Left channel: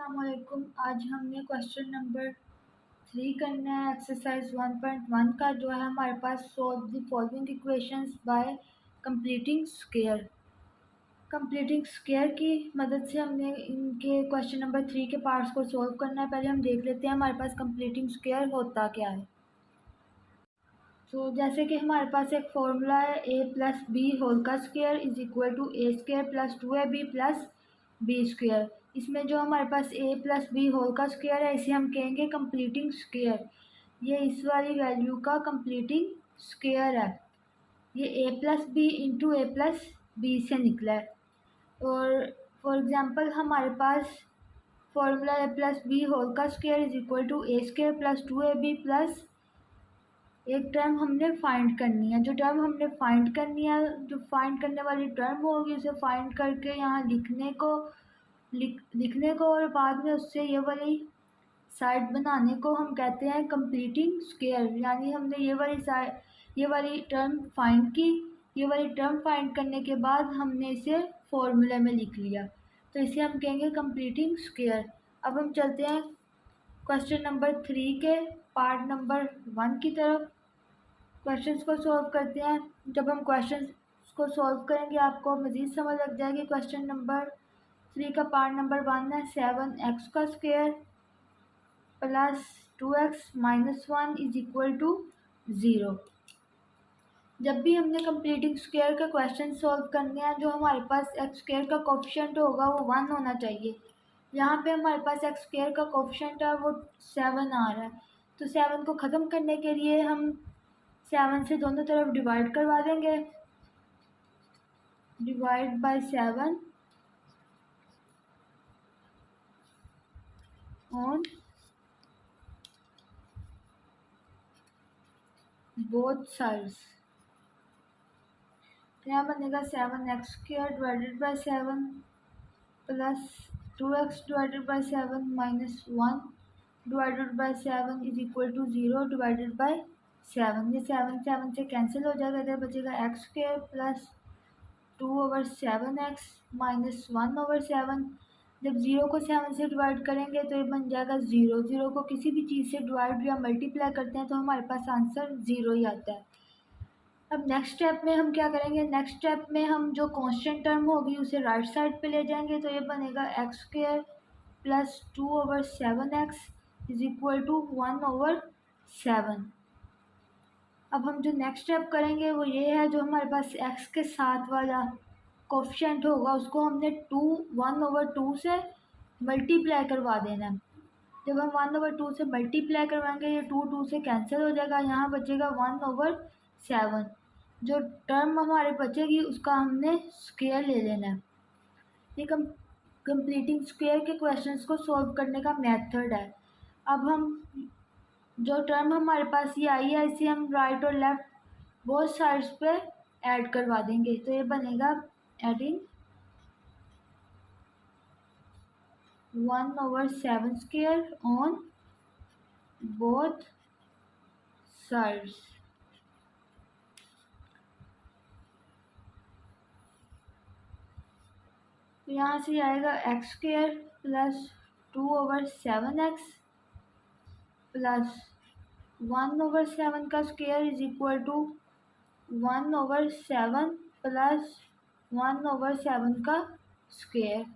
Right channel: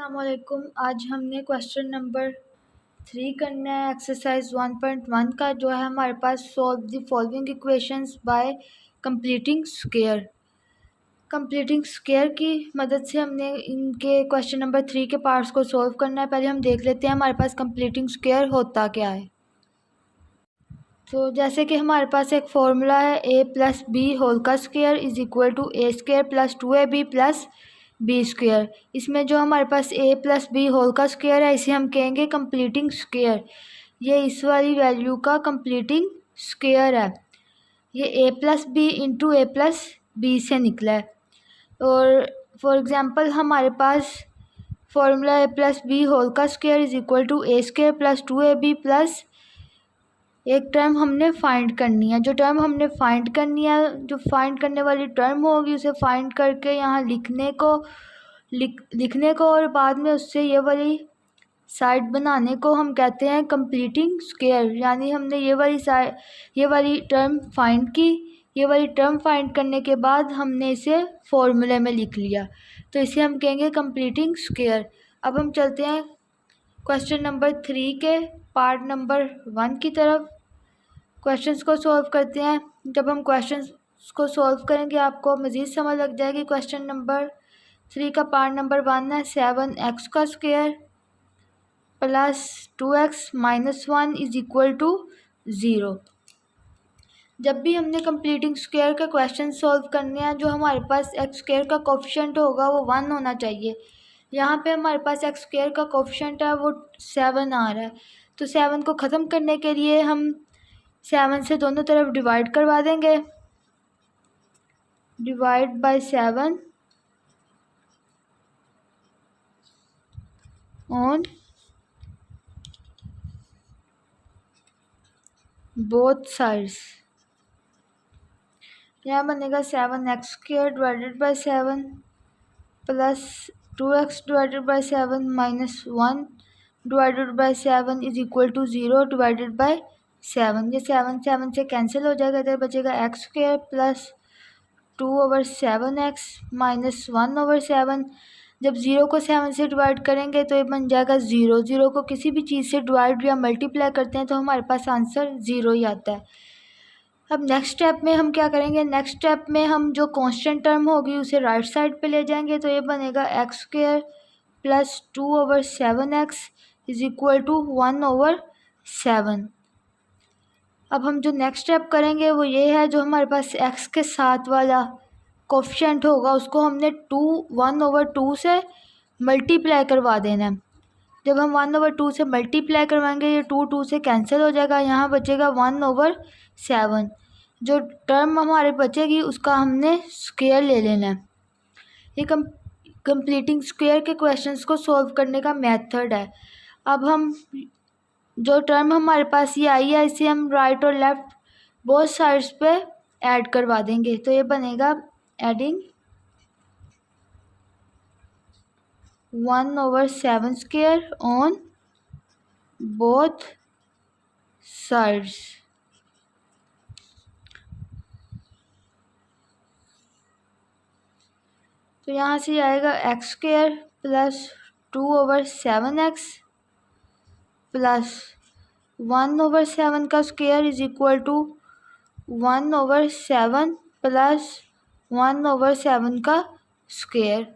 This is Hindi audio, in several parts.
अस्सलामुअलैकुम। आज हमने क्वेश्चन नंबर 3 करना है एक्सरसाइज 1.1 का, जो है हमारे पास solve the following equations by completing square. Completing square की मदद से हमने इनके क्वेश्चन नंबर 3 के पार्ट्स को सॉल्व करना है। पहले हम देख लेते हैं हमारे पास कंप्लीटिंग स्क्वायर होता क्या है। तो जैसे कि हमारे पास एक फॉर्मूला है a प्लस बी होल का square is equal to A square plus 2ab plus B square. इसमें जो हमारे पास a प्लस बी होल का स्क्वायर है इसे हम कहेंगे कंप्लीटिंग स्क्वायर। ये इस वाली वैल्यू का कंप्लीटिंग स्क्वायर है। ये a plus B into A plus B से निकला है। और फॉर एग्ज़ाम्पल हमारे पास formula a plus B whole का square is equal to A square plus 2ab plus एक टर्म हमने फाइंड करनी है। जो टर्म हमने फाइंड करनी है, जो फाइंड करने वाली टर्म होगी उसे फाइंड करके यहाँ लिखने को और बाद में उससे ये वाली साइड बनाने को हम कहते हैं कंप्लीटिंग स्क्वायर। यानी हमने ये वाली टर्म फाइंड की। ये वाली टर्म फाइंड करने के बाद हमने इसे फॉर्मूले में लिख लिया, तो इसे हम कहेंगे कंप्लीटिंग स्क्वायर। अब हम चलते हैं क्वेश्चन नंबर 3 के पार्ट नंबर 1 की तरफ। क्वेश्चंस को सॉल्व करते हैं। जब हम क्वेश्चंस को सॉल्व करेंगे आपको मज़ीद समझ लग जाएगी। क्वेश्चन नंबर 3 का पार्ट नंबर 1 है 7x का square plus 2x minus 1 is equal to 0। जब भी हमने कंप्लीटिंग स्क्वायर के क्वेश्चन सॉल्व करने हैं, जो हमारे पास एक्स स्क्वायर का कोफिशिएंट होगा वो 1 होना चाहिए। यहाँ पे हमारे पास एक्स स्क्वायर का कोफिशिएंट है वो 7 आ रहा है। तो 7 को ख़त्म करने के लिए हम 7 से दोनों तरफ डिवाइड करवा देंगे। Divide by 7 on both sides. यहाँ बनेगा 7x square divided by 7 plus 2x divided by 7 minus 1 divided by 7 is equal to 0 divided by 7। ये 7 से कैंसिल हो जाएगा, इधर बचेगा x square plus 2/7x minus 1/7। जब 0 को 7 से डिवाइड करेंगे तो ये बन जाएगा 0। 0 को किसी भी चीज़ से डिवाइड या मल्टीप्लाई करते हैं तो हमारे पास आंसर 0 ही आता है। अब नेक्स्ट स्टेप में हम क्या करेंगे, नेक्स्ट स्टेप में हम जो कांस्टेंट टर्म होगी उसे राइट साइड पे ले जाएंगे। तो ये बनेगा X square plus 2/7x is equal to 1/7। अब हम जो नेक्स्ट स्टेप करेंगे वो ये है, जो हमारे पास x के साथ वाला कोफिशिएंट होगा उसको हमने 1/2 से मल्टीप्लाई करवा देना है। जब हम 1/2 से मल्टीप्लाई करवाएंगे ये 2 से कैंसिल हो जाएगा, यहाँ बचेगा 1/7। जो टर्म हमारे बचेगी उसका हमने स्क्वायर ले लेना है। ये कंप्लीटिंग स्क्वायर के क्वेश्चंस को सॉल्व करने का मेथड है। अब हम जो टर्म हमारे पास ये आई है इसे हम राइट और लेफ़्ट बोथ साइड्स पे ऐड करवा देंगे। तो ये बनेगा adding 1/7 square on both sides. तो यहाँ से आएगा x square plus 2/7x plus 1/7 का square is equal to 1/7 plus 1/7 का स्क्वायर।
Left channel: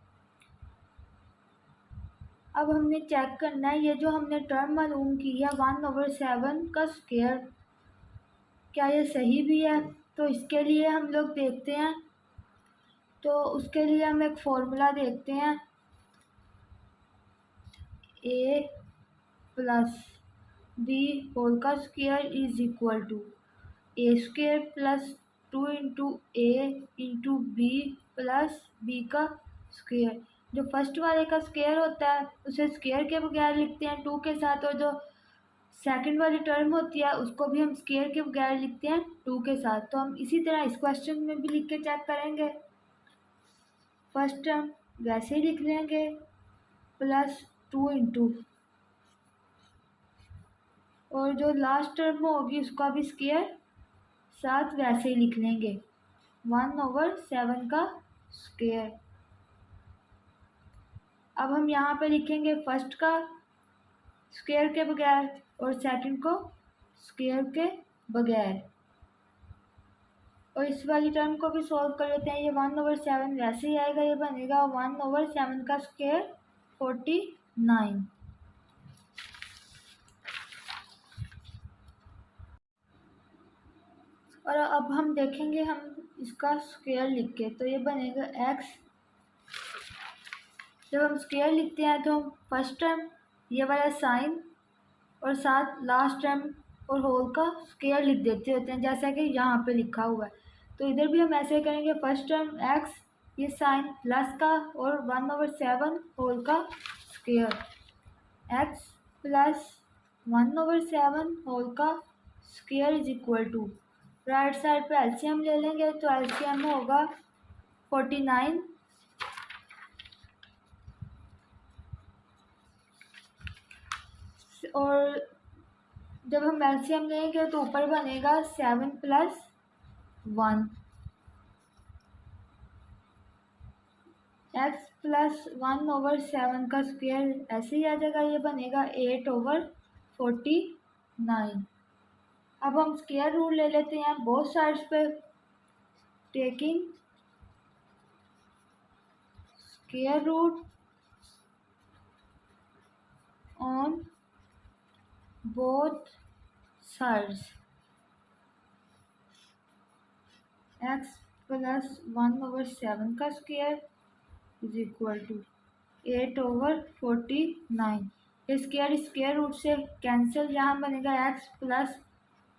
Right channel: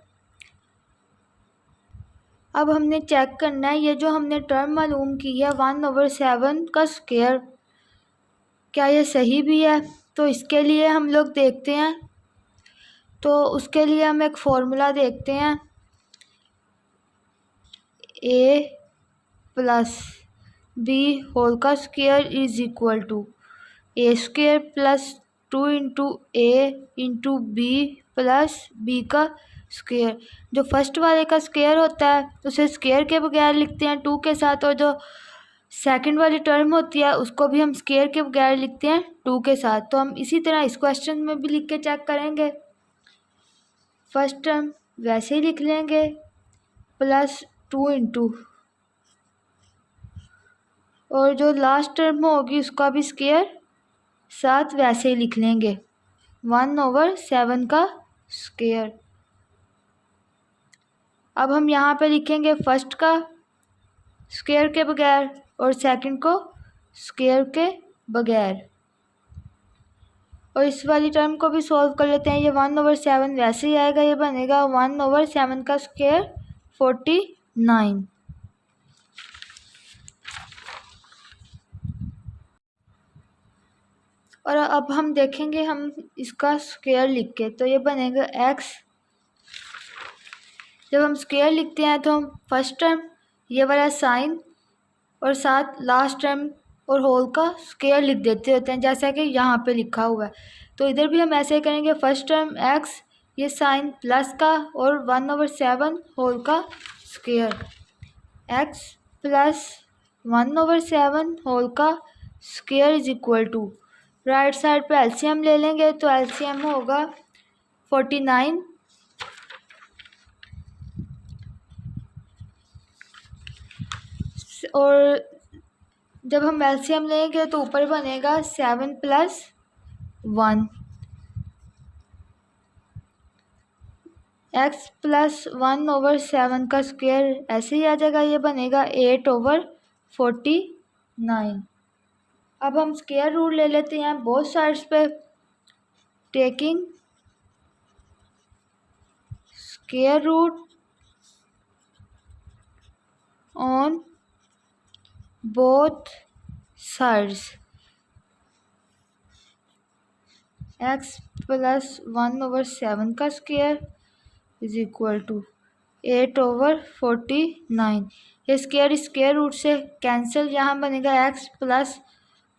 अब हमने चेक करना है ये जो हमने टर्म मालूम की है 1/7 का स्क्वायर, क्या ये सही भी है। तो इसके लिए हम लोग देखते हैं, तो उसके लिए हम एक फॉर्मूला देखते हैं a प्लस बी होल का square is equal to A square plus 2 into A into B plus B का स्क्वायर। जो फर्स्ट वाले का स्क्वायर होता है उसे स्क्वायर के बगैर लिखते हैं 2 के साथ, और जो सेकंड वाली टर्म होती है उसको भी हम स्क्वायर के बगैर लिखते हैं 2 के साथ। तो हम इसी तरह इस क्वेश्चन में भी लिख के चेक करेंगे। फर्स्ट टर्म वैसे ही लिख लेंगे प्लस 2 इंटू, और जो लास्ट टर्म होगी उसका भी स्क्वायर साथ वैसे ही लिख लेंगे 1/7 का स्क्वायर। अब हम यहाँ पे लिखेंगे फर्स्ट का स्क्वायर के बगैर और सेकंड को स्क्वायर के बगैर, और इस वाली टर्म को भी सॉल्व कर लेते हैं। ये 1/7 वैसे ही आएगा, ये बनेगा 1/7 का स्क्वायर 49। और अब हम देखेंगे हम इसका स्क्वायर लिख के, तो ये बनेगा x। जब हम स्क्वायर लिखते हैं तो हम फर्स्ट टर्म ये वाला साइन और साथ लास्ट टर्म और होल का स्क्वायर लिख देते होते हैं, जैसा कि यहाँ पे लिखा हुआ है। तो इधर भी हम ऐसे ही करेंगे, फर्स्ट टर्म x, ये साइन प्लस का और 1/7 होल का स्क्वायर, x प्लस 1/7 होल का square is equal to, right side पे एलसीएम ले लेंगे तो एलसीएम होगा 49 और जब हम एलसीएम लेंगे तो ऊपर बनेगा 7 + 1, x + 1/7 का स्क्वायर ऐसे ही आ जाएगा, ये बनेगा 8/49। अब हम स्क्वायर रूट ले लेते हैं बोथ साइड्स पे, taking square root on both sides, x + 1/7 का स्क्वायर इज इक्वल टू 8/49। ये स्क्वायर रूट से कैंसिल, यहाँ बनेगा x +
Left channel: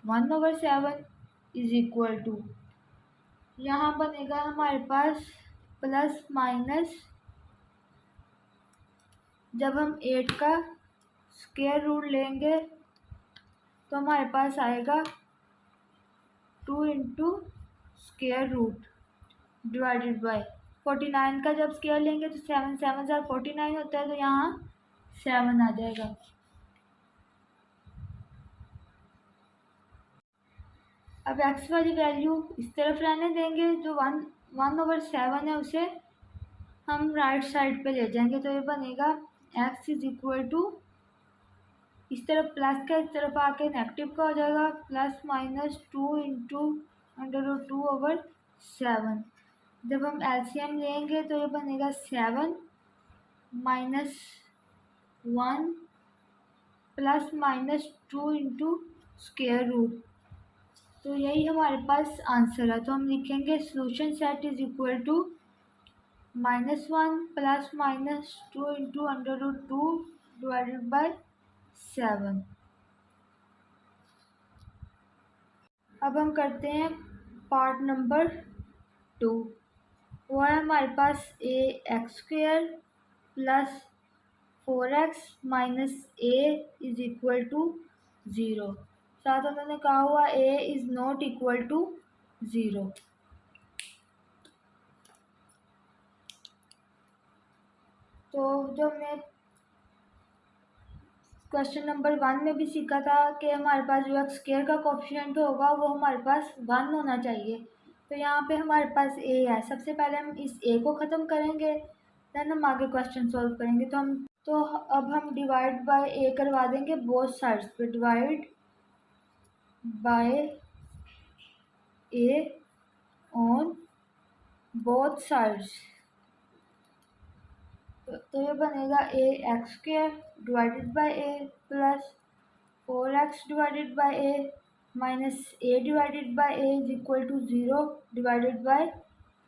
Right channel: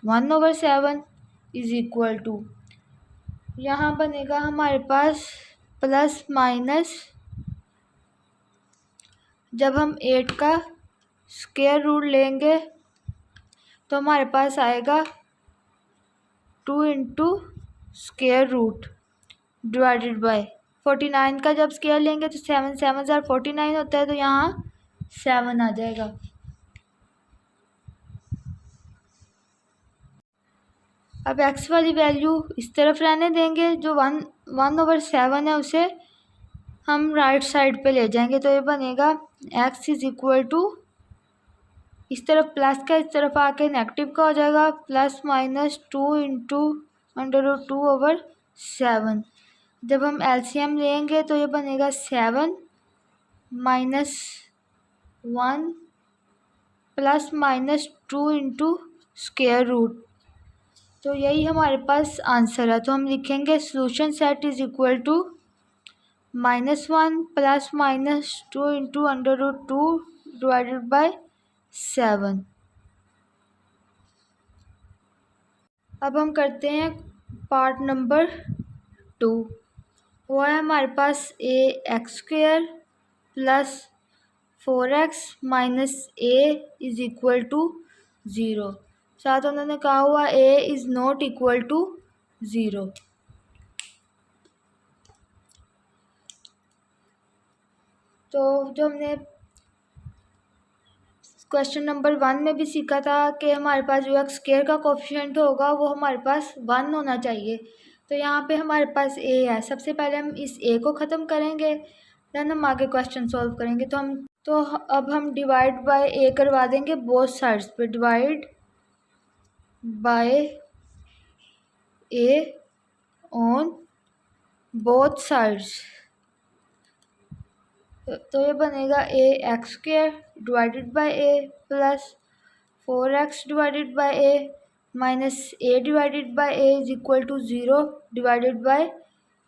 1/7 इज इक्वल टू, यहाँ बनेगा हमारे पास प्लस माइनस, जब हम 8 का स्क्वायर रूट लेंगे तो हमारे पास आएगा 2 × स्क्वायर रूट डिवाइडेड बाय 49 का जब स्क्वायर लेंगे तो 7 7 49 होता है, तो यहाँ 7 आ जाएगा। अब x वाली वैल्यू इस तरफ रहने देंगे, जो 1/7 है उसे हम राइट साइड पे ले जाएंगे, तो ये बनेगा x इज इक्वल टू, इस तरफ प्लस का इस तरफ आके नेगेटिव का हो जाएगा, प्लस माइनस 2 × √2/7। जब हम एलसीएम लेंगे तो ये बनेगा 7 - 1 प्लस माइनस 2 × स्क्वायर रूट, तो यही हमारे पास आंसर है। तो हम लिखेंगे solution set is equal to -1 plus minus 2 × √2 divided by 7। अब हम करते हैं पार्ट नंबर 2, वो है हमारे पास ax² + 4x - a is equal to 0। साथ उन्होंने कहा हुआ a is not equal to 0। तो जो हमने क्वेश्चन नंबर 1 में भी सीखा था कि हमारे पास जो x² का कोफिशिएंट होगा वो हमारे पास 1 होना चाहिए। तो यहाँ पे हमारे पास a है, सबसे पहले हम इस a को ख़त्म करेंगे, देन हम आगे क्वेश्चन सॉल्व करेंगे। तो अब हम डिवाइड बाय a करवा देंगे बोथ साइड्स पे, divide by a on both sides, तो ये बनेगा ax² divided by a plus 4x divided by a minus a divided by a is equal to 0 divided by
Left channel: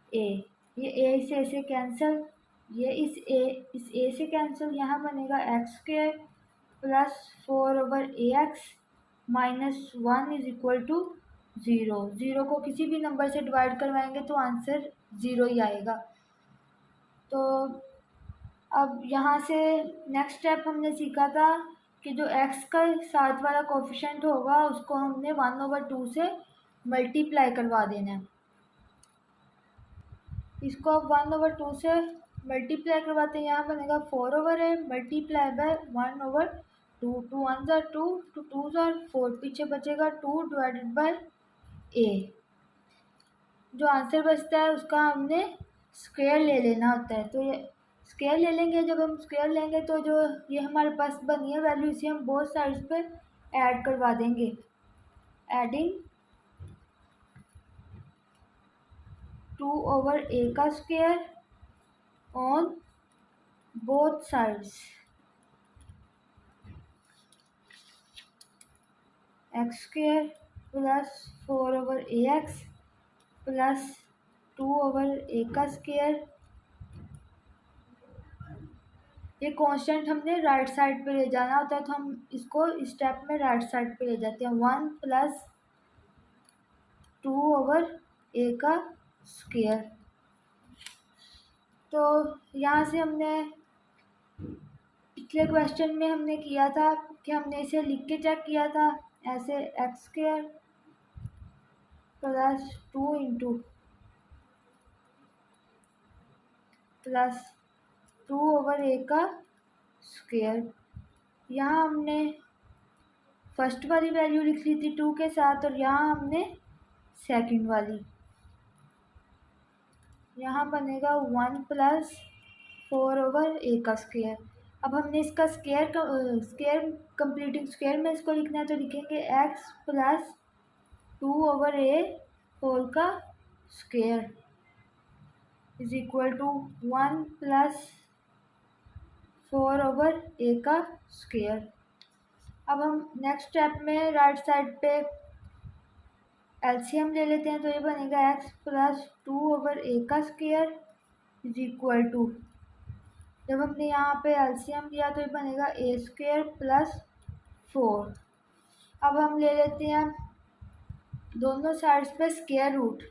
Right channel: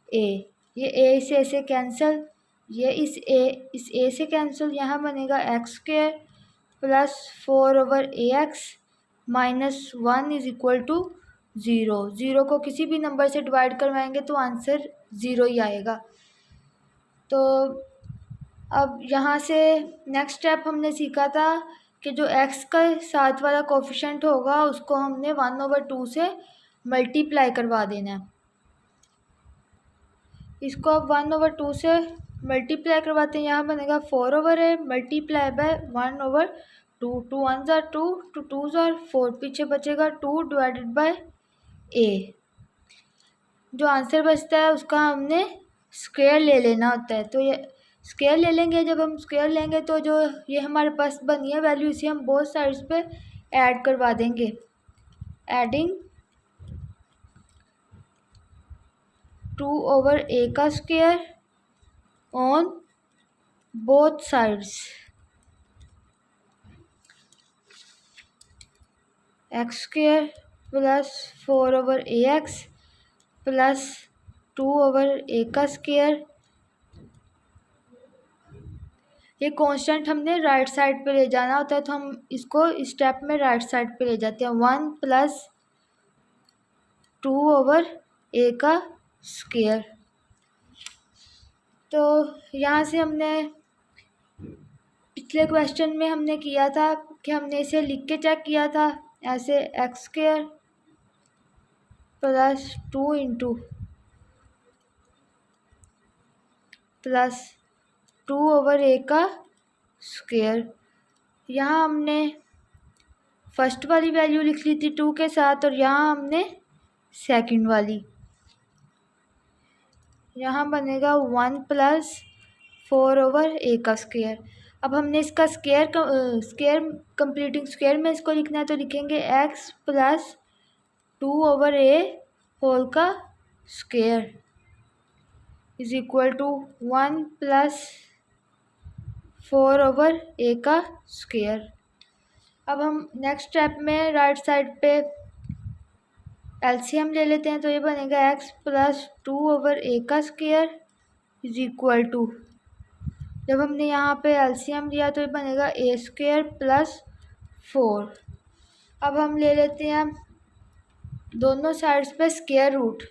a। ये a से ऐसे कैंसिल, ये इस a से कैंसिल, यहाँ बनेगा x² plus 4/ax minus 1 is equal to 0। 0 को किसी भी नंबर से डिवाइड करवाएंगे तो आंसर 0 ही आएगा। तो अब यहाँ से नेक्स्ट स्टेप हमने सीखा था कि जो x का साथ वाला कोफिशिएंट होगा उसको हमने 1/2 से मल्टीप्लाई करवा देना है। इसको अब 1/2 से मल्टीप्लाई करवाते हैं, यहाँ बनेगा 4/a मल्टीप्लाई बाय 1/2, 2 1 ज़ा 2, 2 2 ज़ा 4, पीछे बचेगा 2 डिवाइडेड बाय a। जो आंसर बचता है उसका हमने स्क्वायर ले लेना होता है, तो ये स्क्वायर ले लेंगे। जब हम स्क्वायर लेंगे तो जो ये हमारे पास बनी है वैल्यू, इसे हम बोथ साइड्स पे ऐड करवा देंगे। एडिंग 2/a का square on both sides, x square plus 4/ax plus 2/a का स्क्वायर। ये कांस्टेंट हमने राइट साइड पे ले जाना होता है, तो हम इसको स्टेप में राइट साइड पे ले जाते हैं। 1 प्लस 2/a का स्क्वायर। तो यहाँ से हमने पिछले क्वेश्चन में हमने किया था कि हमने इसे लिख के चेक किया था ऐसे, x square plus 2 into plus 2/a का स्क्वायर। यहाँ हमने फर्स्ट वाली वैल्यू लिख ली थी 2 के साथ, और यहाँ हमने सेकंड वाली। यहाँ बनेगा 1 प्लस 4/a का स्क्वायर। अब हमने इसका स्क्वायर कंप्लीटिंग स्क्वायर में इसको लिखना है, तो लिखेंगे x प्लस 2/a होल का square is equal to 1 plus 4/a का स्क्वायर। अब हम नेक्स्ट स्टेप में राइट साइड पे एलसीएम ले लेते हैं, तो ये बनेगा x प्लस 2/a का स्क्वायर इज इक्वल टू, जब हमने यहाँ पे एलसीएम लिया तो ये बनेगा a स्क्वायर प्लस 4। अब हम ले लेते हैं दोनों साइड्स पे स्क्वायर रूट।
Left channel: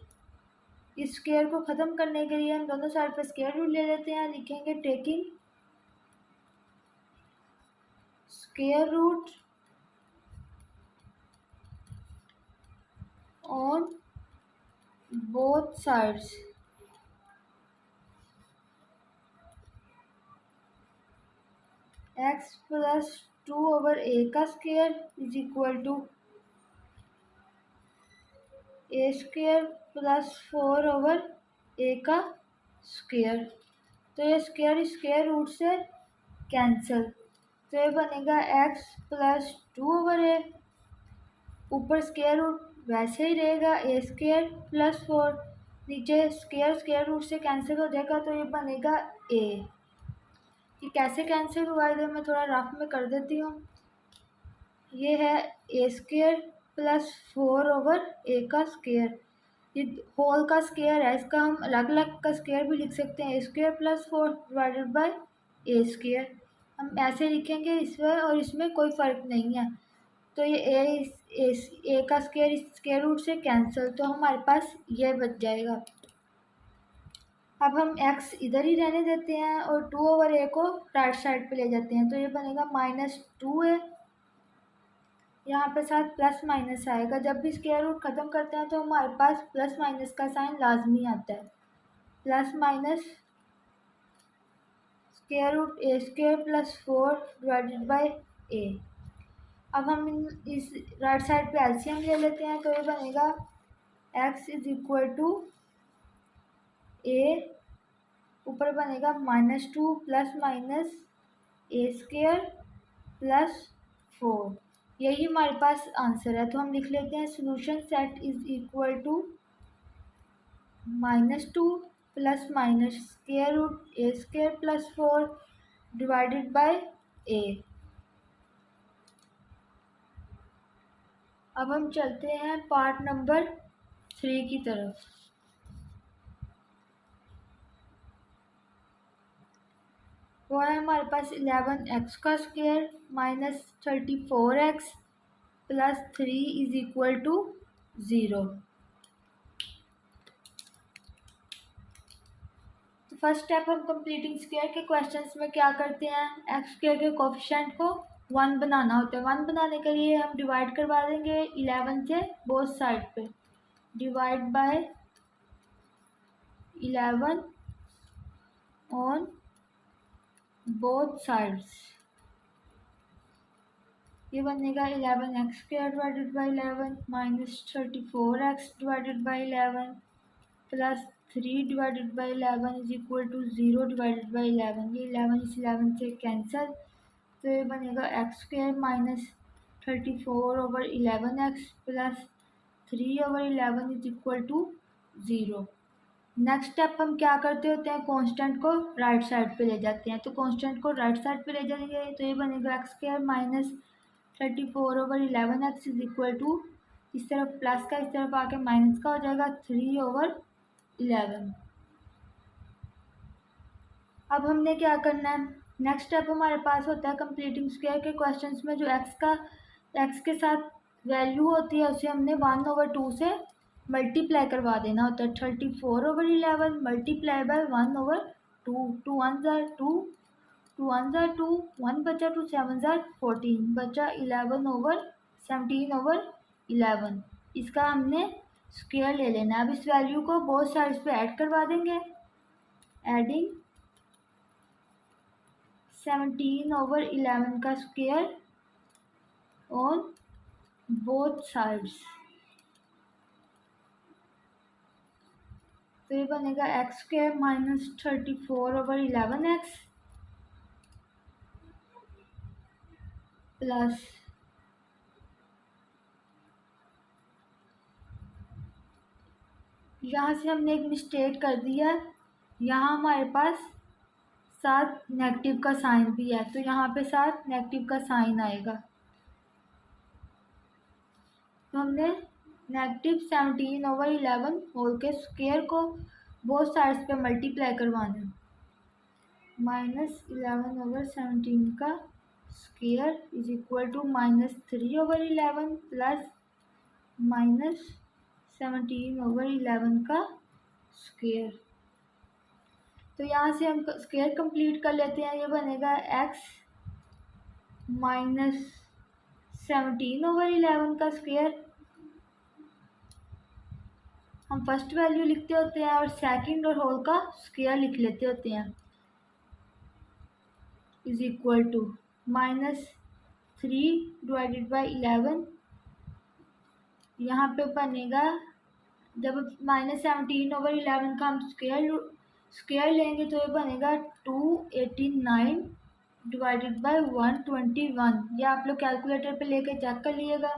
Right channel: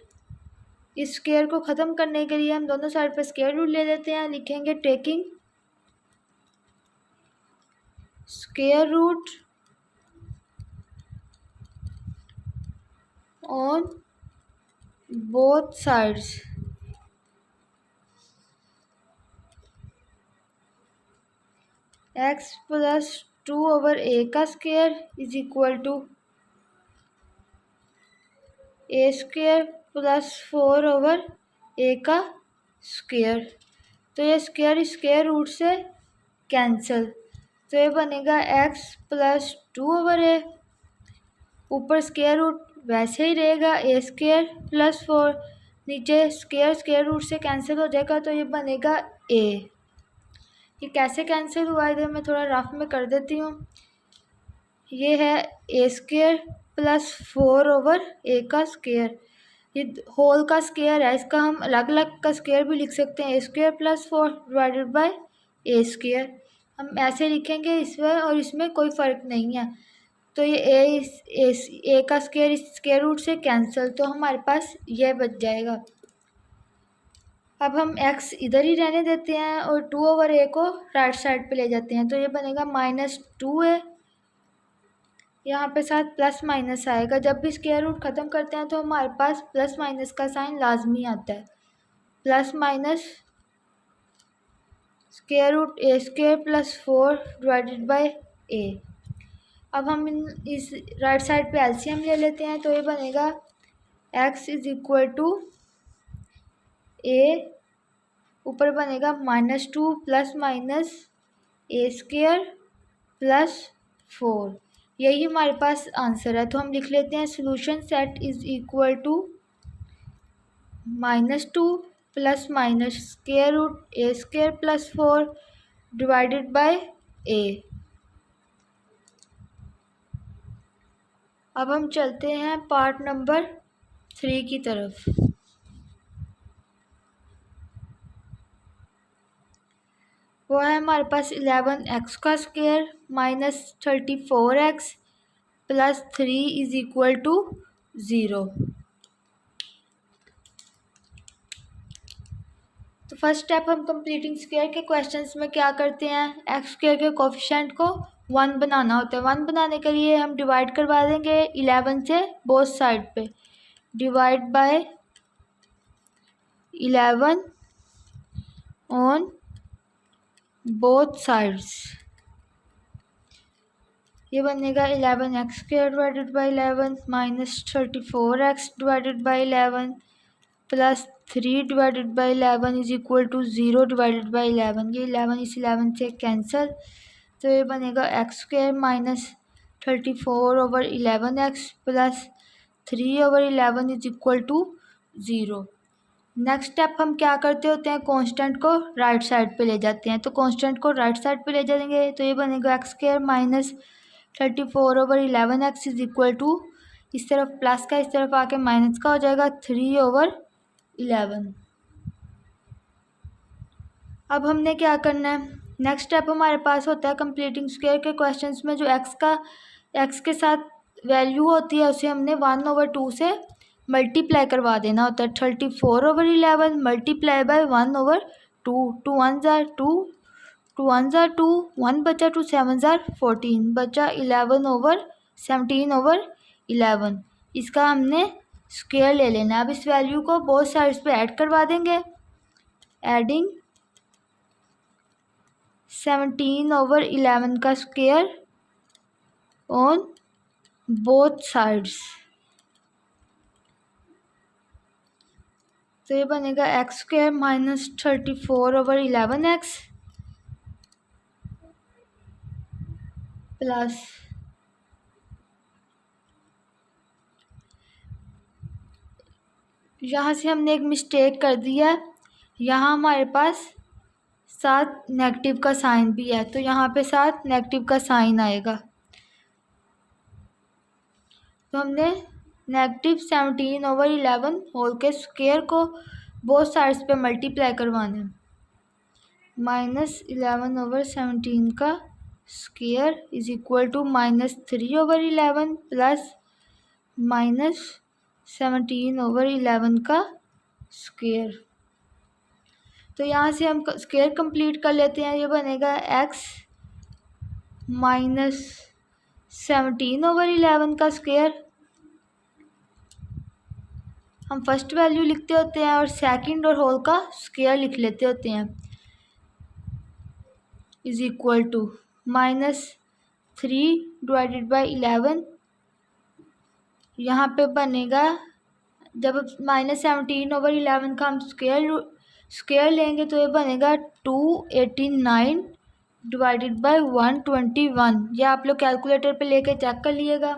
इस स्क्वायर को ख़त्म करने के लिए हम दोनों साइड पे स्क्वायर रूट ले लेते हैं। लिखेंगे taking square root on both sides, x plus 2/a का square is equal to a square plus 4/a का स्क्वायर। तो ये स्क्वायर रूट से कैंसिल, तो ये बनेगा x प्लस 2/a, ऊपर स्क्वायर रूट वैसे ही रहेगा a स्क्वायर प्लस 4, नीचे स्क्वायर रूट से कैंसिल हो जाएगा, तो ये बनेगा a। ये कैसे कैंसिल हुआ इधर मैं थोड़ा रफ में कर देती हूँ। ये है a स्क्वायर प्लस 4/a का स्क्वायर, ये होल का स्क्वायर है, इसका हम अलग अलग का स्क्वायर भी लिख सकते हैं। a square plus 4 divided by a square, हम ऐसे लिखेंगे इसमें, और इसमें कोई फ़र्क नहीं है। तो ये a का स्क्वायर इस स्क्वायर रूट से कैंसिल, तो हमारे पास यह बच जाएगा। अब हम x इधर ही रहने देते हैं और 2/a को राइट साइड पे ले जाते हैं, तो ये बनेगा -2a, यहाँ पे साथ प्लस माइनस आएगा। जब भी स्क्वायर रूट ख़त्म करते हैं तो हमारे पास प्लस माइनस का साइन लाजमी आता है। Plus minus square root a square plus 4 divided by a। अब हम इस राइट साइड पे एलसीएम ले लेते हैं, तो ये बनेगा x is equal to a, ऊपर बनेगा -2 plus minus a square plus 4। यही हमारे पास आंसर है। तो हम लिख लेते हैं solution set is equal to -2 plus minus square root a square plus 4 divided by a। अब हम चलते हैं पार्ट नंबर 3 की तरफ। वो है हमारे पास 11x का square minus 34x plus 3 is equal to 0। तो फर्स्ट स्टेप हम कंप्लीटिंग स्क्वायर के क्वेश्चंस में क्या करते हैं, एक्स स्क्वायर के कोफिशिएंट को 1 बनाना होता है। 1 बनाने के लिए हम डिवाइड करवा देंगे 11 से बोथ साइड पे, divide by 11 on both sides. ये बनेगा 11x square divided by 11 minus 34x divided by 11 plus 3 divided by 11 is equal to 0 divided by 11। ये 11 इस 11 से कैंसिल, तो ये बनेगा X square minus 34 over 11x plus 3 over 11 is equal to 0। Next step हम क्या करते होते हैं, कांस्टेंट को राइट साइड पे ले जाते हैं। तो कांस्टेंट को राइट साइड पे ले जाएंगे तो ये बनेगा X square minus 34 over 11x is equal to, इस तरफ प्लस का इस तरफ आके माइनस का हो जाएगा 3 ओवर 11। अब हमने क्या करना है, नेक्स्ट स्टेप हमारे पास होता है कंप्लीटिंग स्क्वायर के क्वेश्चंस में जो एक्स के साथ वैल्यू होती है उसे हमने 1/2 से मल्टीप्लाई करवा देना होता है। 34 ओवर 11 मल्टीप्लाई बाय 1/2, 2 1 ज़ार 2, 2 1 ज़ार 2, 1 बचा 2 7 ज़ार 14 बचा 11 ओवर 17 ओवर 11। इसका हमने स्क्वायर ले लेना है। अब इस वैल्यू को बोथ साइड्स पे ऐड करवा देंगे, एडिंग 17 ओवर 11 का स्क्वायर ऑन बोथ साइड्स। तो ये बनेगा X square minus 34 over 11x plus यहाँ से हमने एक मिस्टेक कर दिया, यहाँ हमारे पास साथ नेगेटिव का साइन भी है, तो यहाँ पे साथ नेगेटिव का साइन आएगा। तो हमने नेगेटिव 17 ओवर 11 होल के स्क्वायर को बोथ साइड्स पे मल्टीप्लाई करवाना है। माइनस 11 ओवर 17 का square is equal to minus 3 over 11 plus minus 17 over 11 का स्क्वायर। तो यहाँ से हम स्क्वायर कंप्लीट कर लेते हैं। ये बनेगा एक्स माइनस 17 ओवर 11 का स्क्वायर, हम फर्स्ट वैल्यू लिखते होते हैं और सेकंड और होल का स्क्वायर लिख लेते होते हैं, is equal to minus 3 divided by 11। यहाँ पे बनेगा, जब माइनस 17 ओवर 11 का हम स्क्वायर लेंगे तो ये बनेगा 289 डिवाइडेड बाई 121। ये आप लोग कैलकुलेटर पे लेके चेक कर लीजिएगा।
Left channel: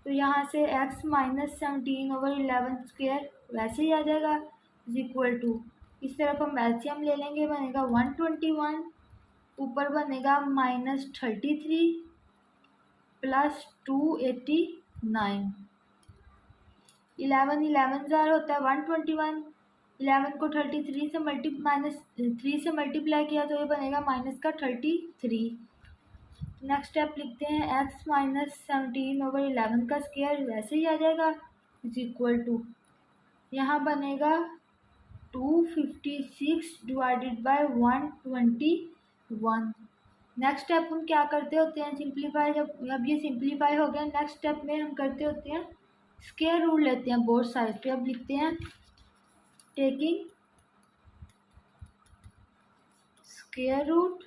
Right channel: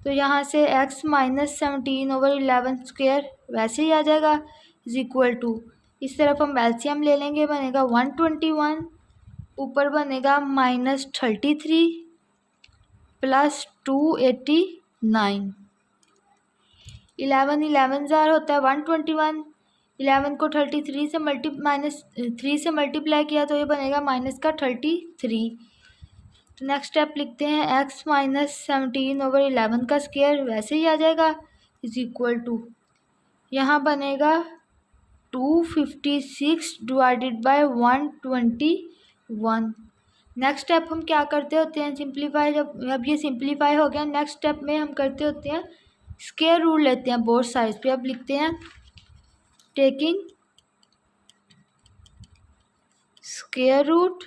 तो यहाँ से x माइनस 17 ओवर 11 स्क्वायर वैसे ही आ जाएगा, इज इक्वल टू, इस तरफ हम एलसीएम ले लेंगे, बनेगा 121, ऊपर बनेगा माइनस 33 प्लस 289। 11 11 ज़ार होता है 121, 11 को 33 से माइनस 3 से मल्टीप्लाई किया तो ये बनेगा माइनस का 33। तो नेक्स्ट स्टेप लिखते हैं x माइनस 17 ओवर 11 का स्क्वायर वैसे ही आ जाएगा, इज इक्वल टू, यहाँ बनेगा 256 डिवाइडेड बाय 121। नेक्स्ट स्टेप हम क्या करते होते हैं, सिंप्लीफाई, जब अब ये सिंप्लीफाई हो गया, नेक्स्ट स्टेप में हम करते होते हैं स्क्वायर रूट लेते हैं बोथ साइड्स पे। अब लिखते हैं taking square root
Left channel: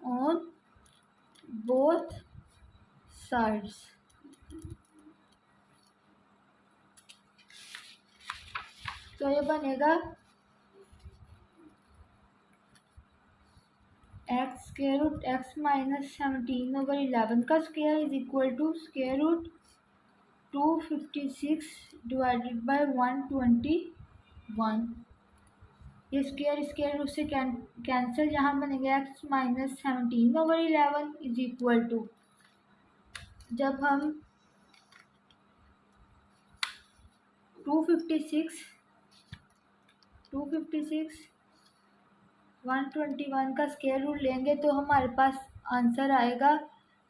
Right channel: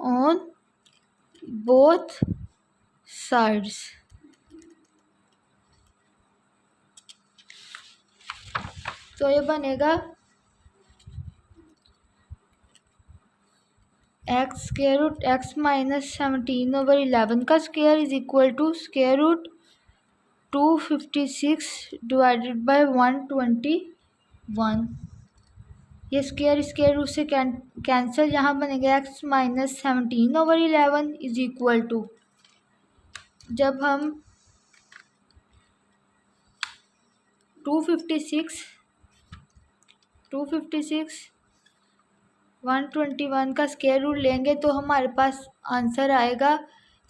on both sides. तो ये बनेगा X square root X minus 17 over 11 का square is equal to square root 256 divided by 121। ये स्क्वायर रूट से कैंसिल, यहाँ बनेगा X minus 17 over 11 is equal to, जब हम 256 121 का स्क्वायर रूट लेंगे तो हमारे पास आंसर आएगा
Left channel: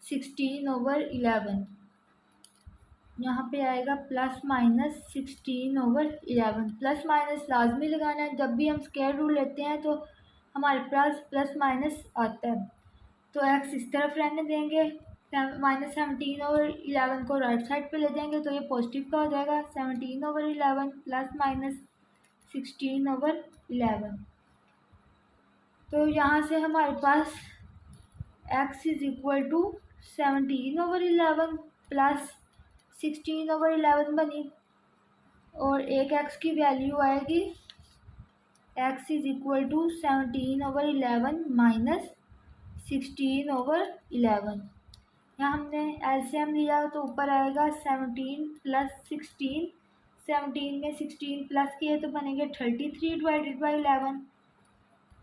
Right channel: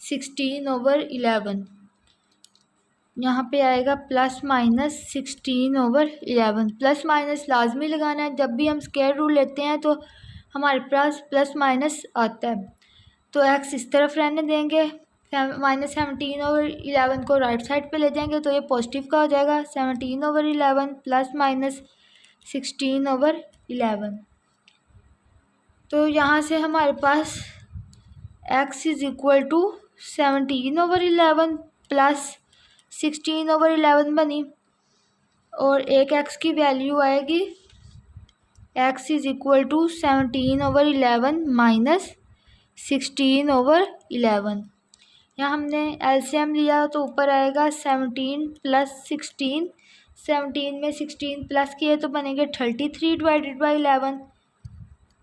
16 ओवर 11। यहाँ पे आएगा plus minus 16 over 11। Plus minus लाजमी लगाना है, जब भी हम स्क्वायर रूट लेते हैं तो हमारे पास प्लस माइनस आता है। तो एक्स इस तरफ रहने देंगे, माइनस 17 ओवर 11 को राइट साइड पे ले जाएंगे तो ये पॉजिटिव का हो जाएगा, 17 ओवर 11 प्लस माइनस 16 ओवर 11। तो यहाँ से हमारे पास x is equal to 17 over 11 plus 16 over 11 बनी। और एक एक्स की वैल्यू आएगी x is equal to 17/11 minus 16/11। यहाँ हमने एलसीएम लिया तो ऊपर आएगा 17 प्लस 16। 17 में 16 प्लस किए तो बनेंगे 33 डिवाइडेड बाई 11।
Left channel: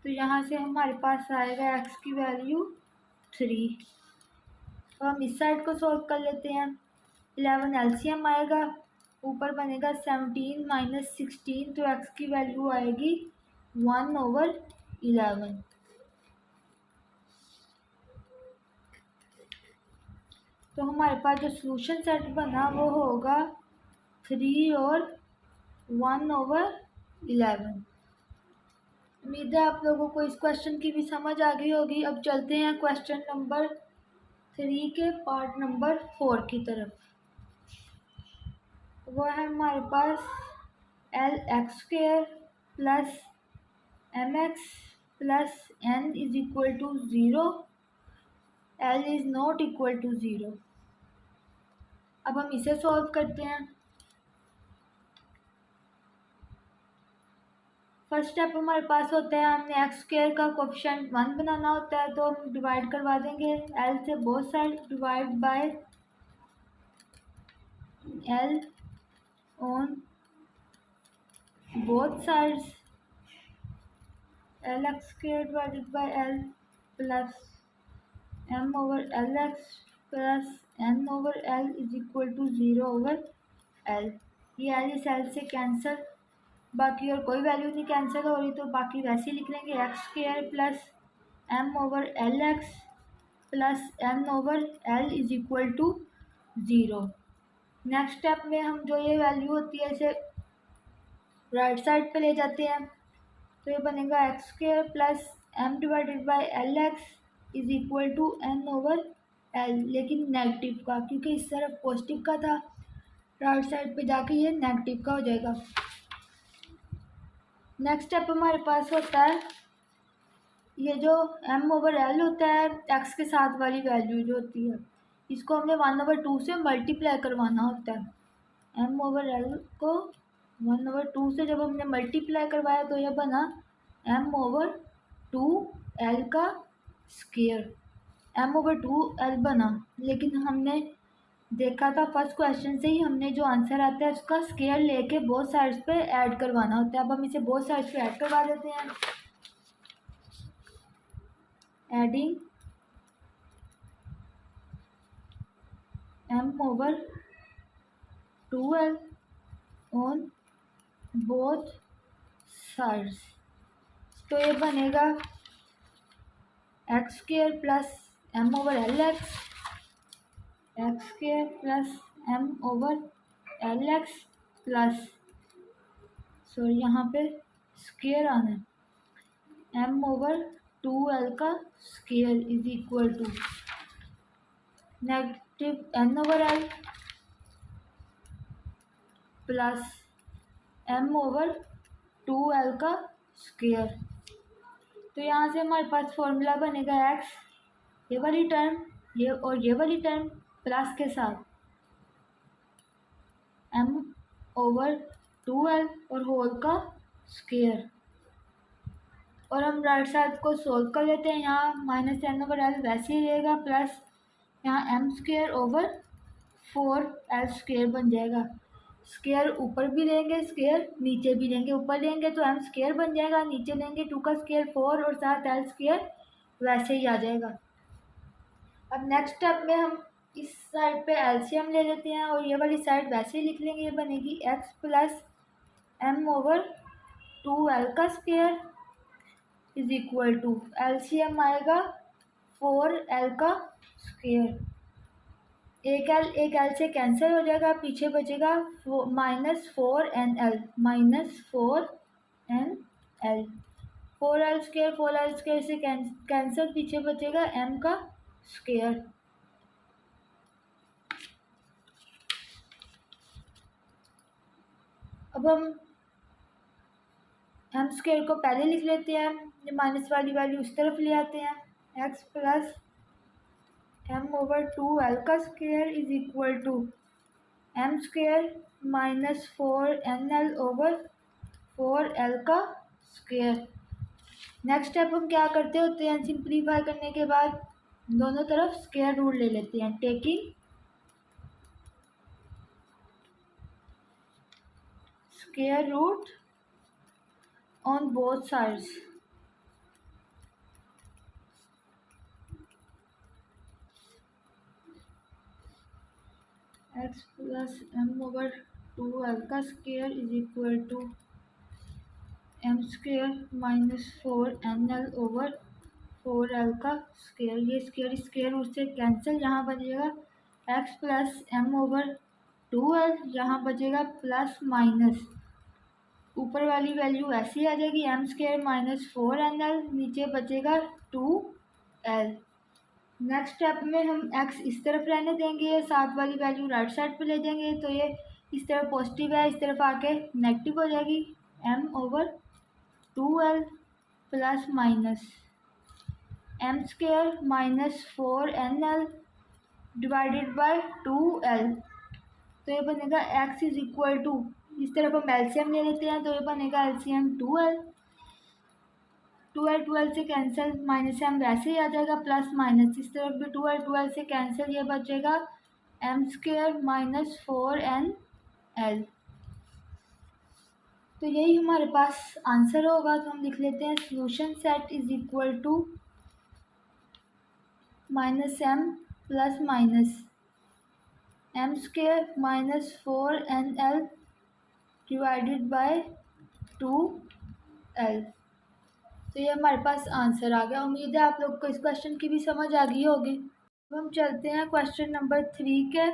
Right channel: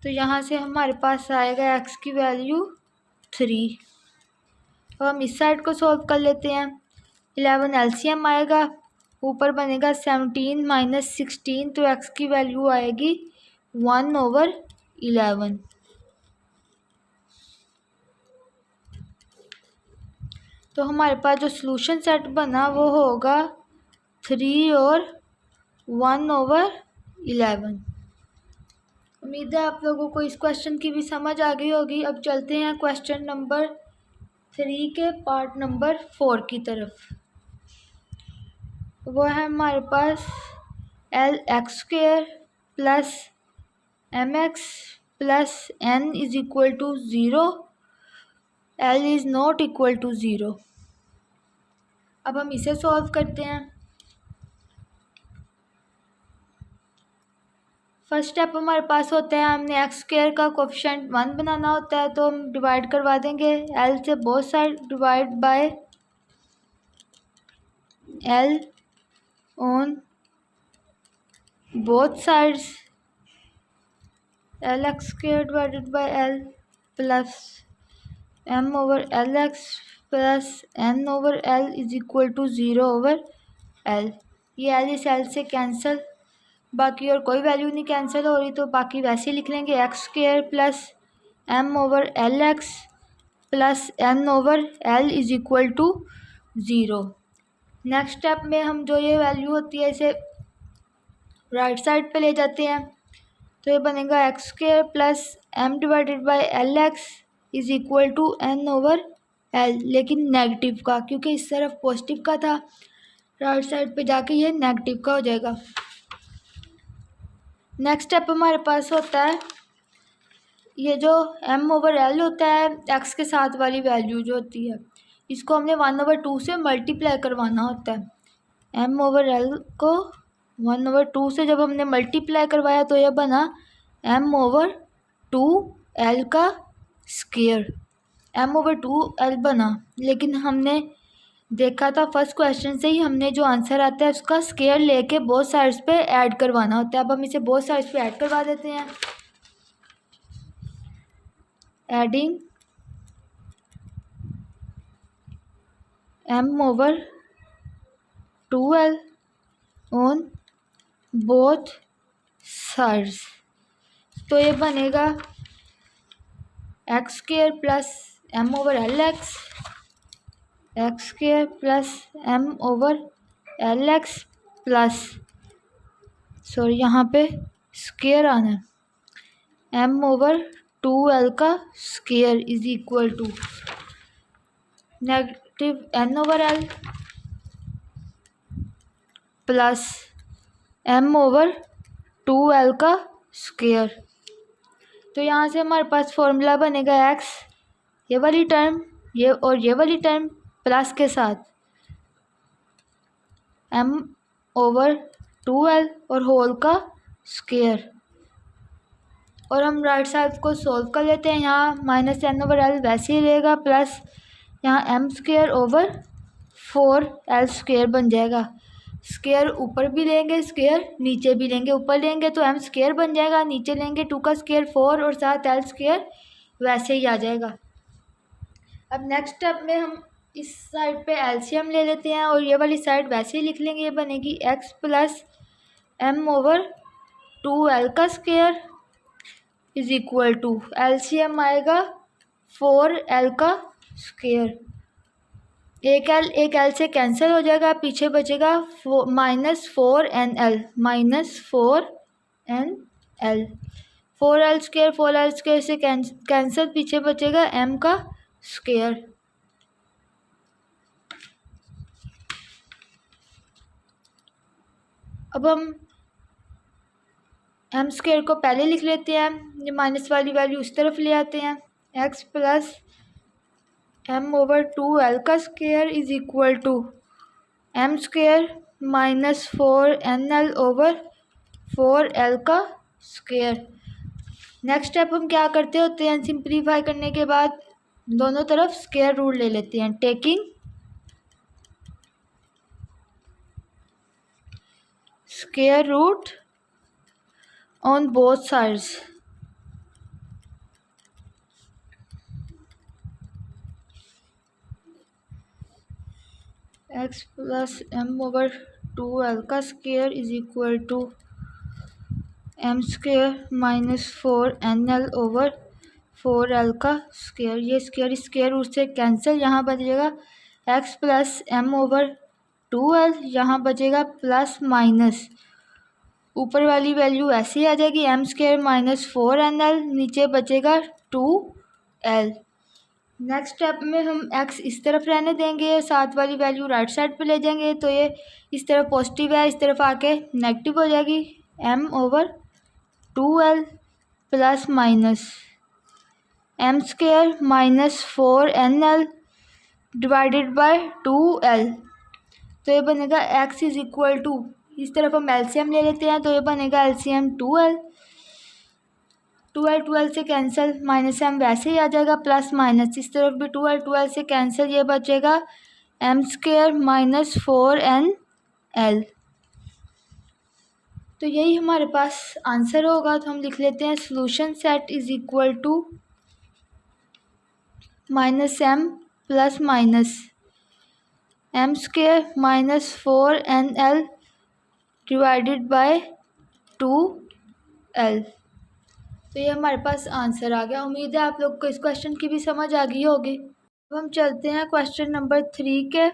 तो यहाँ से हमारे पास आएगा x की वैल्यू 3। अब हम इस साइड को सॉल्व कर लेते हैं। 11 एलसीएम आएगा, ऊपर बनेगा 17 माइनस 16, तो x की वैल्यू आएगी 1/11। तो हमारे पास जो सॉल्यूशन सेट बना वो होगा 3 और 1/11। उम्मीद है आप लोगों को इस क्वेश्चन की भी समझ आ गई होगी। अब चलते हैं क्वेश्चन नंबर 3 के पार्ट नंबर 4 की तरफ। वो है हमारे पास L(x)² plus mx plus n is equal to 0, L is not equal to 0। अब हम इसे सॉल्व करते हैं। फर्स्ट स्टेप हमारे पास होता है, हमने x² का कोफिशिएंट 1 बनाना होता है, तो हम डिवाइड करवा देंगे L से both side, divide by L on both sides, Lx² divided by L plus m/Lx plus n/L is equal to 0/L। ये L इस L से कैंसिल, बाकी और कोई वैल्यू नहीं कैंसिल हो रही, तो बाकी वैसे ही लिख लेंगे x² plus m/Lx plus n/L is equal to 0। Next step में हम जो ये वैल्यू होती है इसे राइट साइड पे ले जाते हैं, तो ये बनेगा x² plus m divided by Lx is equal to n/L, लेकिन नेगेटिव का, क्योंकि इस तरफ पॉजिटिव का था, राइट साइड पे जाके ये नेगेटिव का हो जाएगा। नेक्स्ट स्टेप हमारे पास होता है, ये जो m/L होता है x के साथ वाली वैल्यू जो होती है, इसको हमने 1/2 से मल्टीप्लाई करवाना होता है। m/L को 1/2 से जब हमने मल्टीप्लाई करवाया तो यह बना m/2L का स्क्वायर, m/2L बना। लेकिन हमने देखा था फर्स्ट क्वेश्चन से ही, हमने जो आंसर आता है उसका स्क्वायर लेके बोथ साइड्स पे ऐड करवाना होता है। अब हम इसे बोथ साइड्स पे ऐड करवा देते हैं। Adding m/2L on both sides, तो ये बनेगा x² plus m/Lx, x² plus m/Lx plus, sorry यहाँ पे स्क्वायर आना है, m/2L का square is equal to negative n/L plus m/2L का स्क्वायर। तो यहाँ से हमारे पास फॉर्मूला बनेगा x, ये वाली टर्म, ये और ये वाली टर्म प्लस के साथ m/2L और होल का स्क्वायर। और हम राइट साइड को सॉल्व कर लेते हैं। यहाँ माइनस n/L वैसे ही रहेगा, प्लस यहाँ m²/4L² बन जाएगा। स्क्वायर ऊपर भी लेंगे, स्क्वायर नीचे भी लेंगे, ऊपर लेंगे तो m² बन जाएगा, नीचे लेंगे 2 का स्क्वायर 4 और साथ L² वैसे ही आ जाएगा। अब नेक्स्ट स्टेप में हम इस साइड पे एलसीएम ले लेते हैं और ये वाली साइड वैसे ही लिख लेंगे, ये बनेगी x प्लस m/2L का square is equal to LCM आएगा 4L का स्क्वायर। एक L से कैंसिल हो जाएगा, पीछे बचेगा -4nL, -4nL, 4L² से कैंसिल, पीछे बचेगा m का स्क्वायर। अब हम m² को पहले लिख लेते हैं, ये माइनस वाली वैल्यू इस तरफ ले आते हैं, x प्लस m/2L का square is equal to m² -4nl over 4l का स्क्वायर। नेक्स्ट स्टेप हम क्या करते होते हैं, सिंप्लीफाई करने के बाद दोनों तरफ स्क्वायर रूट ले लेते हैं, taking square root on both sides. x plus m over 2l का square is equal to m square -4nl over 4l का स्क्वायर। ये स्क्वायर स्क्वायर रूट से कैंसिल, यहाँ बचेगा x plus m over 2l, यहाँ बचेगा प्लस माइनस, ऊपर वाली वैल्यू ऐसे ही आ जाएगी m स्क्वायर -4nl, नीचे बचेगा 2l। नेक्स्ट स्टेप में हम x इस तरफ रहने देंगे, साथ वाली वैल्यू राइट साइड पे ले जाएंगे, तो ये इस तरफ पॉजिटिव है, इस तरफ आके नेगेटिव हो जाएगी, m over 2l plus minus m square -4nl divided by 2l। तो ये बनेगा x इज इक्वल टू, इस तरफ हम एलसीएम ले लेते हैं, तो ये बनेगा एलसीएम 2l 2l से कैंसिल, माइनस m वैसे ही आ जाएगा, प्लस माइनस इस तरफ भी 2l से कैंसिल, ये बचेगा m स्क्वायर -4nl। तो यही हमारे पास आंसर होगा। तो हम लिख लेते हैं solution set is equal to -m plus minus m square -4nl divided by 2l। तो ये हमारे पास आंसर आ गया। उम्मीद है आप लोग को इस क्वेश्चन की भी समझ आ गई होगी। अब हम चलते हैं क्वेश्चन नंबर 3 के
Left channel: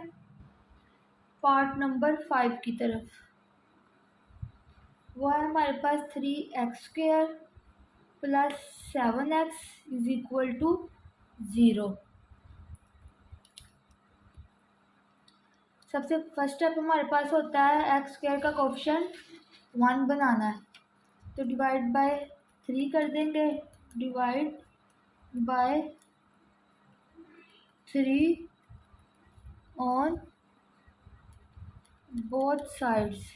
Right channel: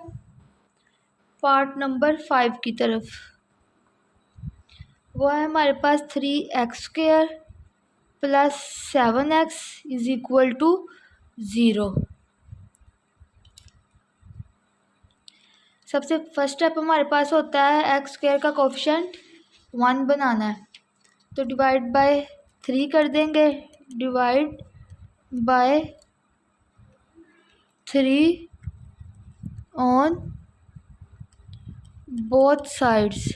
पार्ट नंबर 5 की तरफ। वो है हमारे पास 3x square plus 7x is equal to 0। सबसे फर्स्ट स्टेप हमारे पास होता है x स्क्वायर का कोफिशिएंट 1 बनाना है, तो डिवाइड बाय 3 कर देंगे, divide by 3 on both sides.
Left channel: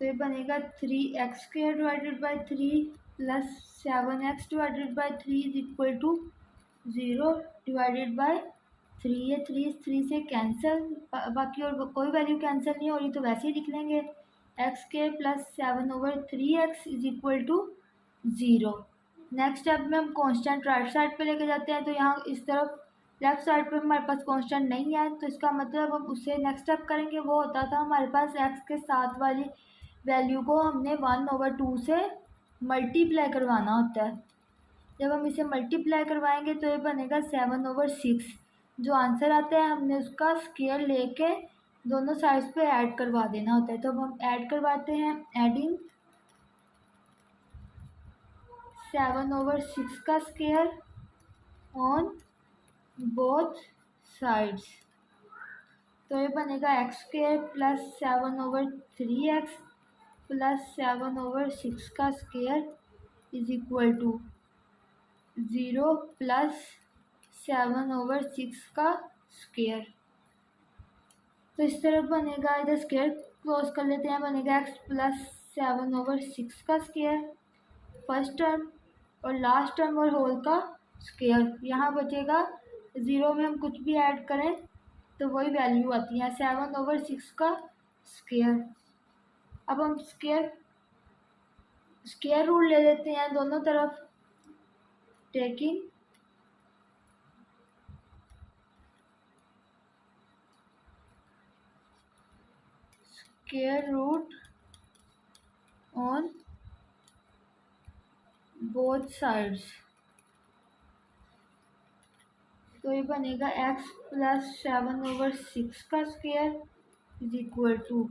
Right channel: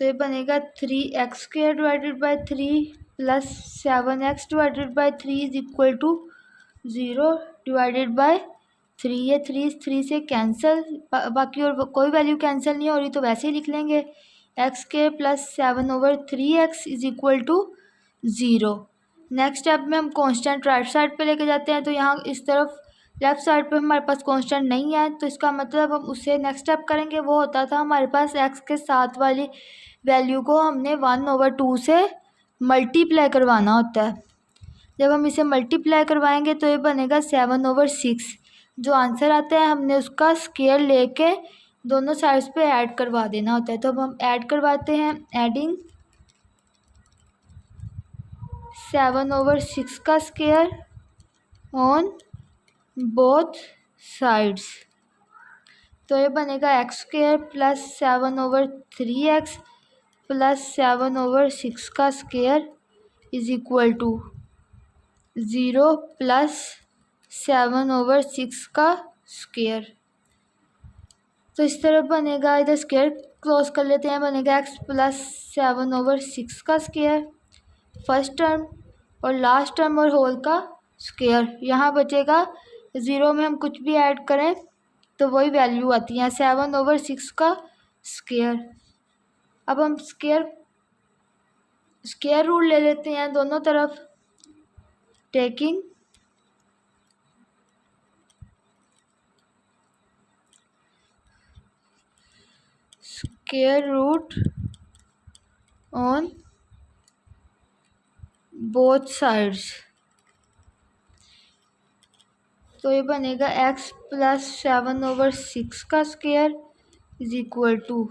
तो ये बनेगा 3x square divided by 3 plus 7x divided by 3 is equal to 0 divided by 3। ये 3 से कैंसिल, बाकी और कोई वैल्यू कैंसिल नहीं हो रही, तो वैसे ही लिख लेंगे x square plus 7 over 3x is equal to 0। Next step में हम कांस्टेंट राइट साइड पे लेके जाते हैं, तो यहाँ इस तरफ लेफ्ट साइड पे हमारे पास कांस्टेंट नहीं है, तो इसका मतलब हम उससे नेक्स्ट स्टेप करेंगे। वो होता था हमारे पास x के साथ वाली वैल्यू को हमने 1/2 से मल्टीप्लाई करवाना होता है। जब हम इसे मल्टीप्लाई करवाएंगे तो ये बनेगा 7/6। जो आंसर आता है हमने उसका स्क्वायर लेके दोनों साइड्स पे ऐड करवा देना होता है। तो अब हम ऐड करवाते हैं, एडिंग 7/6 का स्क्वायर ऑन बोथ साइड्स। तो ये बनेगा x square plus 7/3x plus 7/6 का square is equal to 0 plus 7/6 का स्क्वायर। तो इस तरह बनेगा, इधर स्क्वायर क्लोज कर लेते हैं, बनेगा x प्लस 7/6 का स्क्वायर फर्स्ट टर्म, और लास्ट टर्म और होल का स्क्वायर। यहाँ बचेगा 0 में हम कुछ भी ऐड करें तो वही वैल्यू आती है, 7/6 का स्क्वायर। अब हम स्क्वायर रूट ले लेते हैं दोनों तरफ, taking square root on both sides. तो ये बनेगा x प्लस 7/6 का स्क्वायर इज इक्वल टू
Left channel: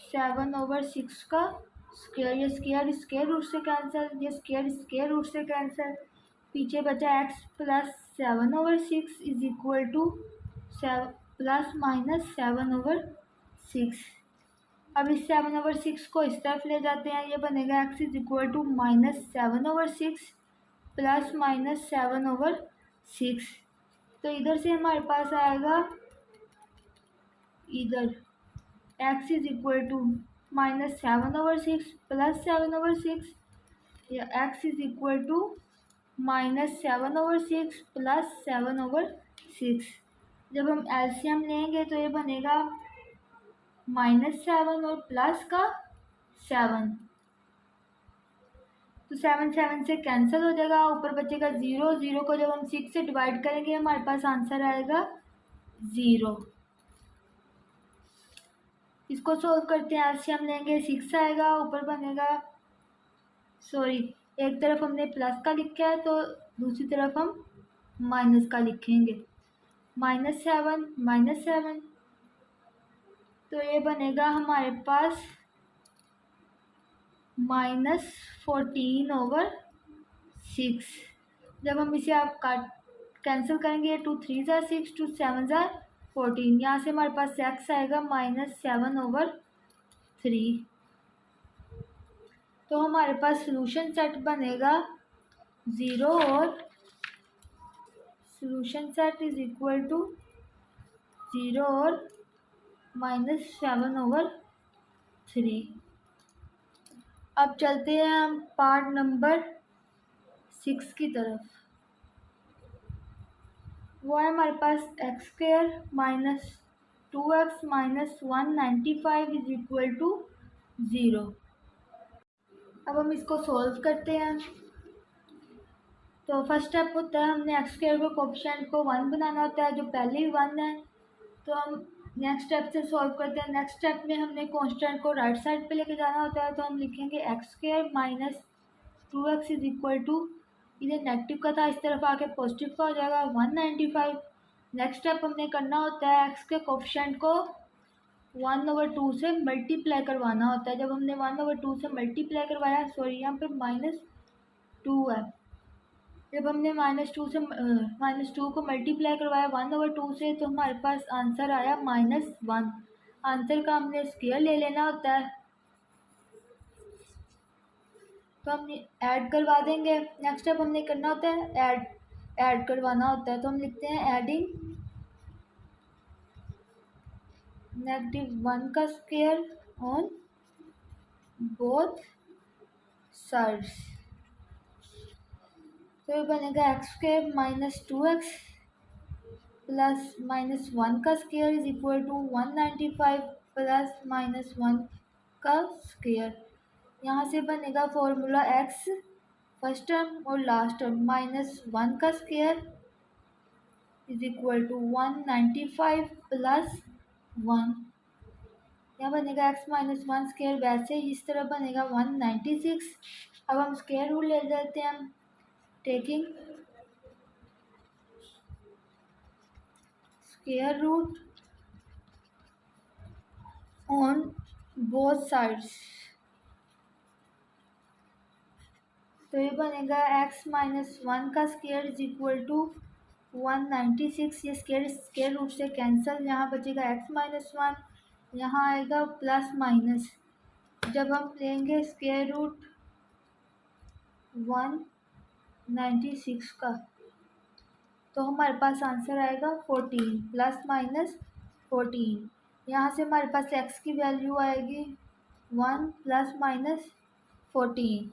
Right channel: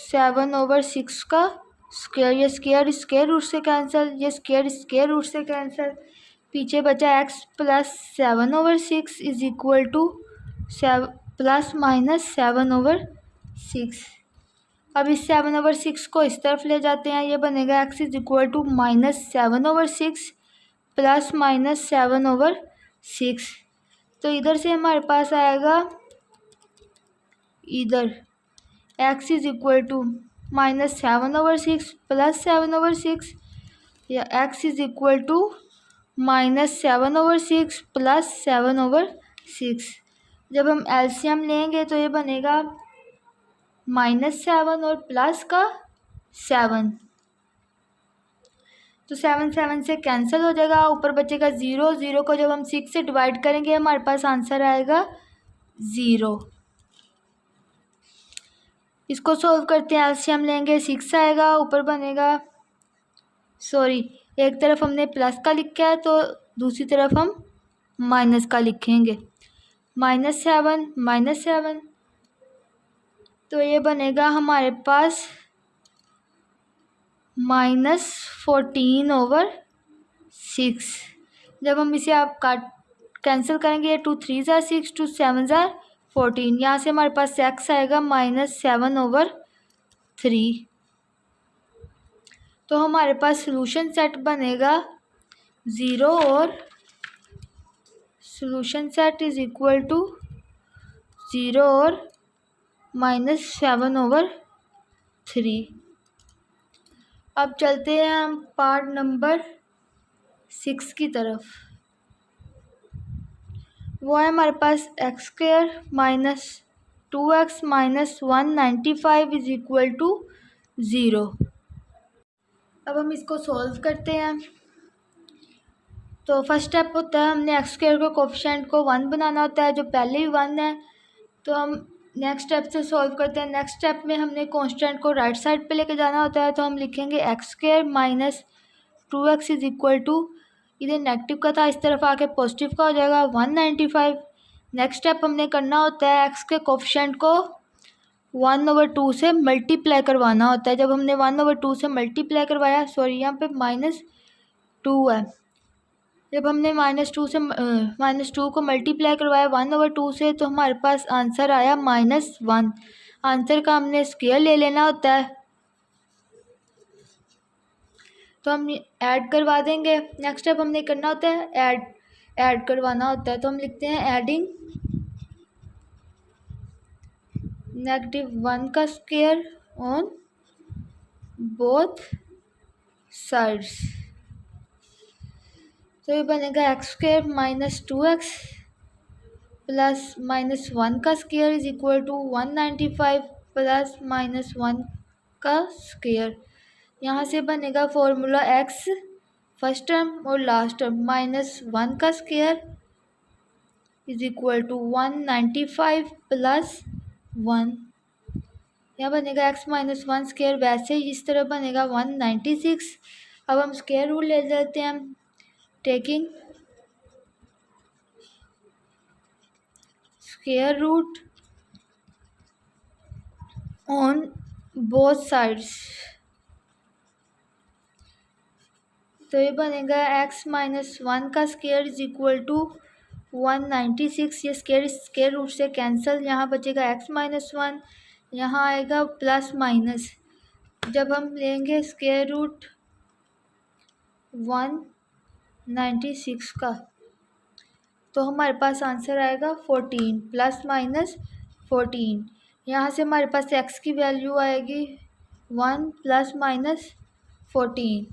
7/6 का स्क्वायर। ये स्क्वायर रूट से कैंसिल, ये स्क्वायर रूट से कैंसिल, पीछे बचा x plus 7/6 is equal two plus minus 7/6। अब इस 7/6 को इस तरफ ले जाते हैं, ये बनेगा x is equal to -7/6 plus minus 7/6। तो इधर से हमारे पास आएगा इधर x is equal to -7/6 plus 7/6 या x is equal to -7/6 plus 7/6। जब हम एलसीएम लेंगे तो ये बनेगा -7 और प्लस का 7, तो 7 7 से कैंसिल हो जाएगा, ऊपर बचेगा 0। 0 को जब हम 6 से डिवाइड करेंगे हमारे पास आंसर आएगा 0। इसको सोल्व करते हैं, एलसीएम लेंगे 6 आएगा, ऊपर बनेगा सॉरी एक तरफ हमने प्लस का लिखा है तो दूसरी तरफ हम माइनस का लिखेंगे। -7 -7, तो ये बनेगा हमारे पास -14/6। जब हम इसे आप काट कैंसिल करेंगे 2 3 ज़ार 6 2 7 ज़ार 14, यहाँ से हमारे पास x आएगा -7/3। तो हमारे पास सॉल्यूशन सेट बनेगा 0 और solution set is equal to 0 और -7/3। अब चलते हैं हम पार्ट नंबर 6 की तरफ। वो है हमारे पास x² - 2x - 195 is equal to 0। अब हम इसको सॉल्व करते हैं। तो फर्स्ट स्टेप होता है हमने x² को कोफिशिएंट को 1 बनाना होता है, जो पहले ही 1 है। तो हम नेक्स्ट स्टेप से सॉल्व करते हैं। नेक्स्ट स्टेप में हमने कांस्टेंट को राइट साइड पे लेके जाना होता है, तो हम लिखेंगे x² - 2x is equal to, इधर नेगेटिव का था इस तरफ आके पॉजिटिव का हो जाएगा 195। नेक्स्ट स्टेप हमने करना होता है x के कोफिशिएंट को 1/2 से मल्टीप्लाई करवाना होता है। जब हमने 1/2 से मल्टीप्लाई करवाया, सॉरी यहाँ पे -2 है, जब हमने -2 को मल्टीप्लाई करवाया 1/2 से, तो हमारे पास आंसर आया -1। आंसर का हमने स्क्वायर ले लेना होता है, तो हम ऐड करवा देंगे। नेक्स्ट स्टेप हमने करना होता है ऐड करवाना होता है, तो हम लिखते हैं एडिंग -1 का स्क्वायर ऑन बोथ साइड्स। तो ये बनेगा x² - 2x प्लस -1 का square is equal to 195 plus -1 का स्क्वायर। यहाँ से बनेगा फॉर्मूला x फर्स्ट टर्म और लास्ट टर्म -1 का square is equal to 195 plus 1। यहाँ बनेगा x - 1 स्क्वायर, वैसे ही इस तरह बनेगा 196। अब हम स्क्वायर रूट ले लेते हैं, taking square root on both sides. तो ये बनेगा x - 1 का स्क्वायर इज इक्वल टू 196। ये स्क्वायर रूट से कैंसिल, यहाँ बचेगा x - 1, यहाँ आएगा प्लस माइनस। जब हम लेंगे स्क्वायर रूट 196 का, तो हमारे पास आंसर आएगा 14 प्लस माइनस 14। यहाँ से हमारे पास x की वैल्यू आएगी 1 प्लस माइनस 14।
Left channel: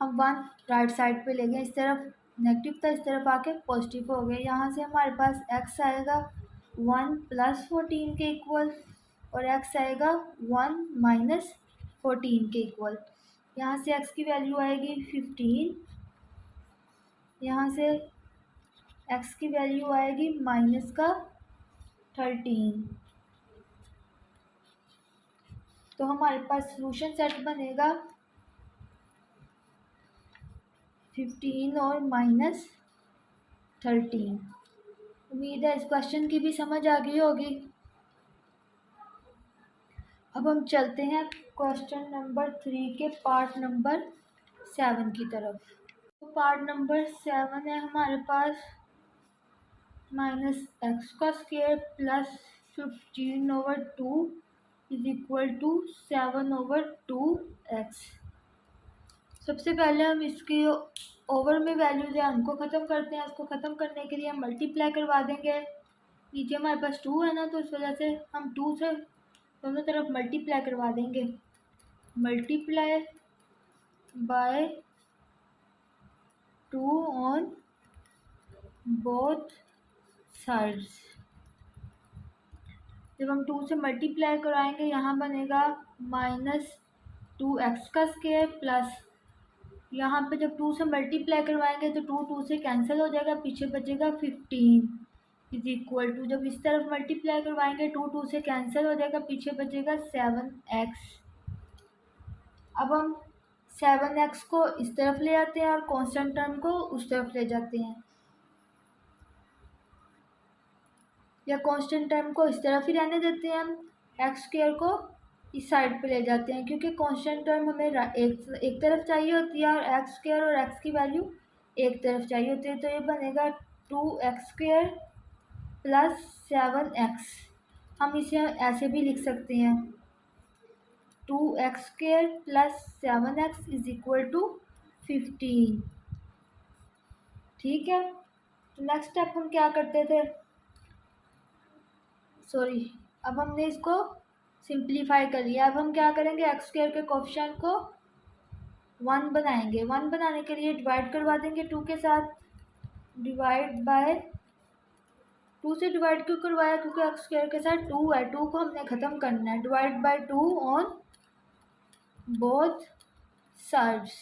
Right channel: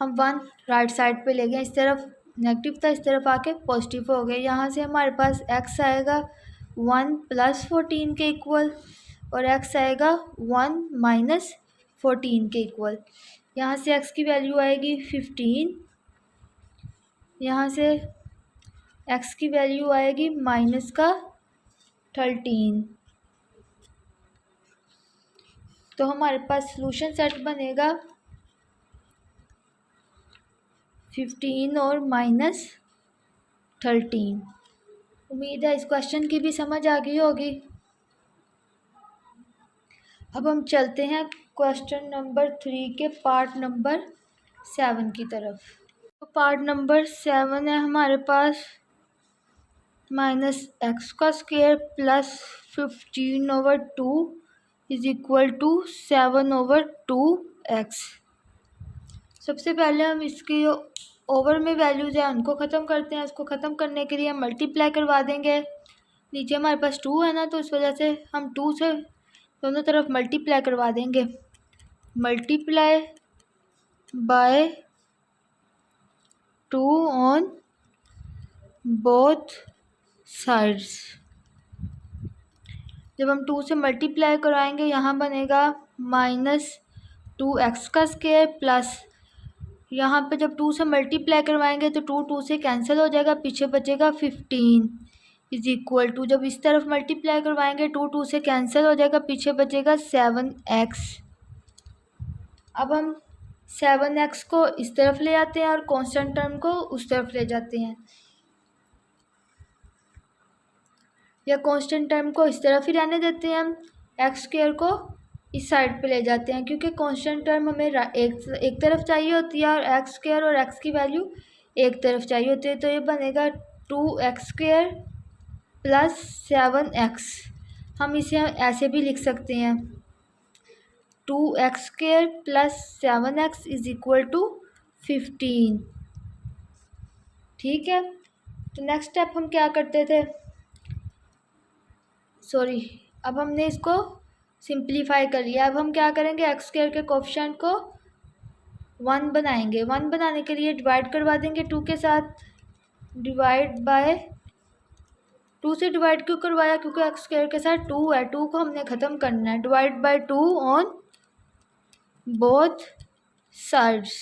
हम 1 राइट साइड पे ले गए, इस तरफ नेगेटिव था इस तरफ आके पॉजिटिव हो गए। यहाँ से हमारे पास x आएगा 1 प्लस 14 के इक्वल और x आएगा 1 माइनस 14 के इक्वल। यहाँ से x की वैल्यू आएगी 15, यहाँ से x की वैल्यू आएगी माइनस का 13। तो हमारे पास सॉल्यूशन सेट बनेगा 15 और -13। उम्मीद है इस क्वेश्चन की भी समझ आ गई होगी। अब हम चलते हैं क्वेश्चन नंबर 3 के पार्ट नंबर 7 की तरफ। तो पार्ट नंबर 7 है हमारे पास -x का square plus 15/2 is equal to 7/2x। सबसे पहले हम इसकी ओवर में वैल्यूज़ है उनको ख़त्म करते हैं। उसको ख़त्म करने के लिए हम मल्टीप्लाई करवा देंगे। नीचे हमारे पास 2 है ना, तो इस वजह से हम 2 से दोनों तरफ मल्टीप्लाई करवा देंगे। Multiply by 2 on both sides. जब हम 2 से मल्टीप्लाई कराएंगे यहाँ बनेगा -2x का स्क्वायर प्लस यहाँ पे जब 2 से मल्टीप्लाई करवाएंगे तो 2 से कैंसिल हो जाएगा, पीछे बचेगा 15 इज इक्वल टू, जब इस तरफ मल्टीप्लाई करवाएंगे 2 से कैंसिल हो जाएगा, पीछे बचेगा 7x। अब हम 7x को इस तरफ ले आते हैं और कांस्टेंट टर्म को उस तरफ ले जाते हैं, या कांस्टेंट टर्म को इस तरफ ही रहने देते हैं, हम एक्स स्क्वायर को इस साइड पे ले जाते हैं, क्योंकि कांस्टेंट टर्म हमें एक तरफ चाहिए होती है और एक्स स्क्वायर और एक्स की वैल्यू एक तरफ चाहिए होती है। तो ये बनेगा 2x स्क्वायर प्लस 7x। हम इसे ऐसे भी लिख सकते हैं 2x square plus 7x is equal to 15। ठीक है, तो नेक्स्ट स्टेप हम क्या करते थे, अब हमने इसको सिंप्लीफाई कर लिया। अब हम क्या करेंगे, एक्स स्क्वायर के कोफिशिएंट को 1 बनाएंगे। 1 बनाने के लिए डिवाइड करवा देंगे 2 के साथ, डिवाइड बाय 2 से डिवाइड क्यों करवाया, क्योंकि एक्स स्क्वायर के साथ 2 है, 2 को हमने ख़त्म करना है। Divide by 2 on both sides,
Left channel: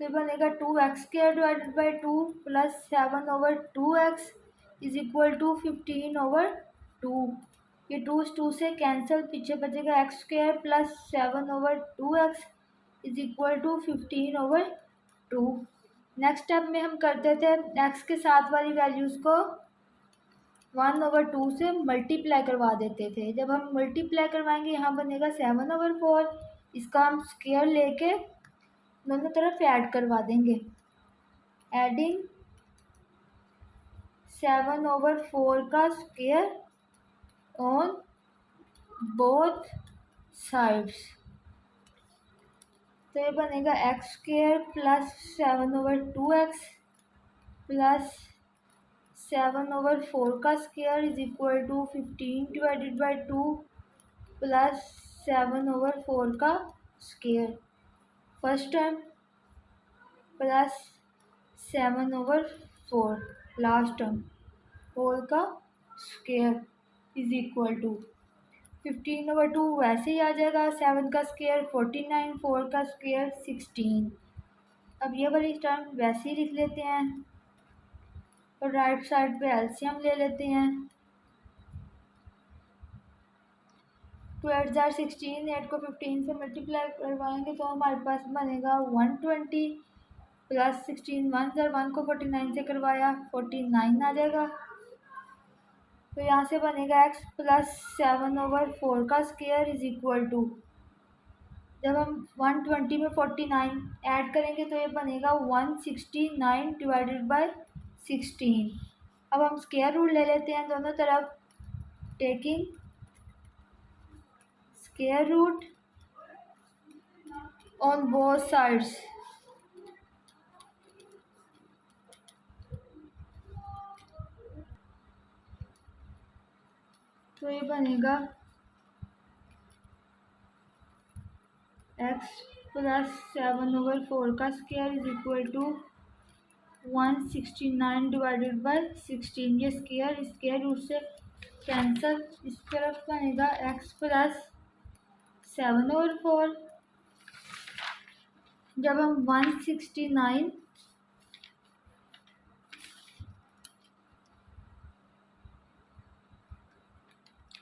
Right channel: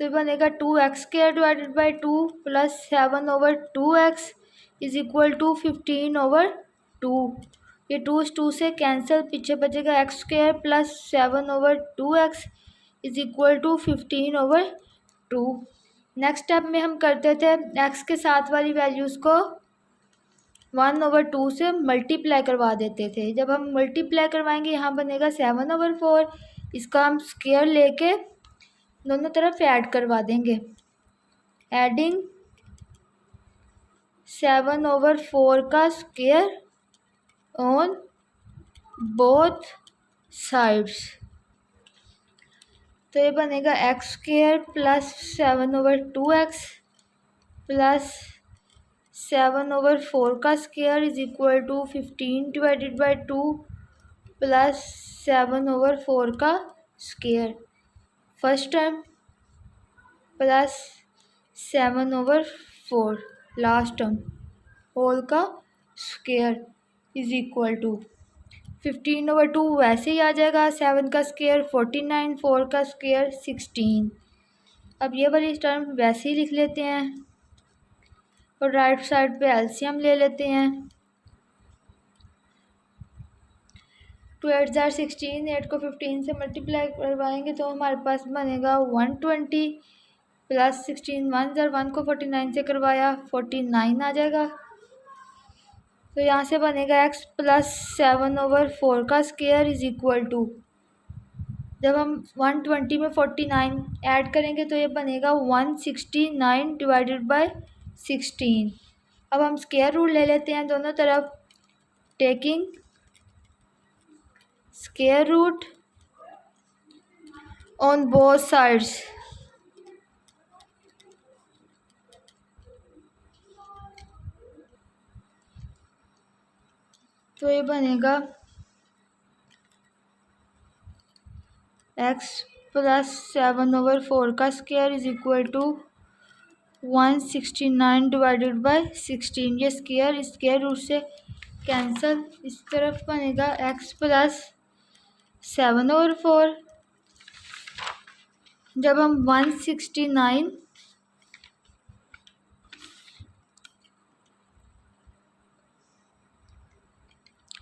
तो बनेगा 2x square divided by 2 plus 7/2x is equal to 15/2। ये 2 से कैंसिल, पीछे बचेगा x square plus 7/2x is equal to 15/2। Next step में हम करते थे x के साथ वाली वैल्यूज़ को 1/2 से मल्टीप्लाई करवा देते थे। जब हम मल्टीप्लाई करवाएंगे यहाँ बनेगा 7/4, इसका हम स्क्वायर लेके दोनों तरफ ऐड करवा देंगे। एडिंग 7/4 का स्क्वायर ऑन बोथ साइड्स, तो ये बनेगा X square plus 7/2x plus 7/4 का square is equal to 15 divided by 2 plus 7/4 का square first term plus 7/4 last term whole का स्क्वायर इज इक्वल टू 15/2 वैसे ही आ जाएगा, 7 का स्क्वायर 49, 4 का स्क्वायर 16। अब ये वाली टर्म वैसे ही लिख लेते हैं और राइट साइड पे एलसीएम ले लेते हैं। 2 8 जार 16, 8 को 15 से मल्टीप्लाई करवाएंगे तो हमारे पास बनेगा 120 प्लस 16 1 जार 1 को 49 से करवाया 49 आ जाएगा। तो यहाँ से बनेगा x प्लस 7/4 का स्क्वायर इज इक्वल टू, जब हम 120 में 49 ऐड करेंगे तो ये बनेगा 169 डिवाइडेड बाय 16। अब हम स्क्वायर रूट ले लेते हैं दोनों तरफ, taking square root on both sides. तो ये बनेगा x प्लस 7/4 का square is equal to 169 divided by 16। ये स्क्वायर रूट से कैंसल, इस तरफ बनेगा x प्लस 7/4। जब हम 169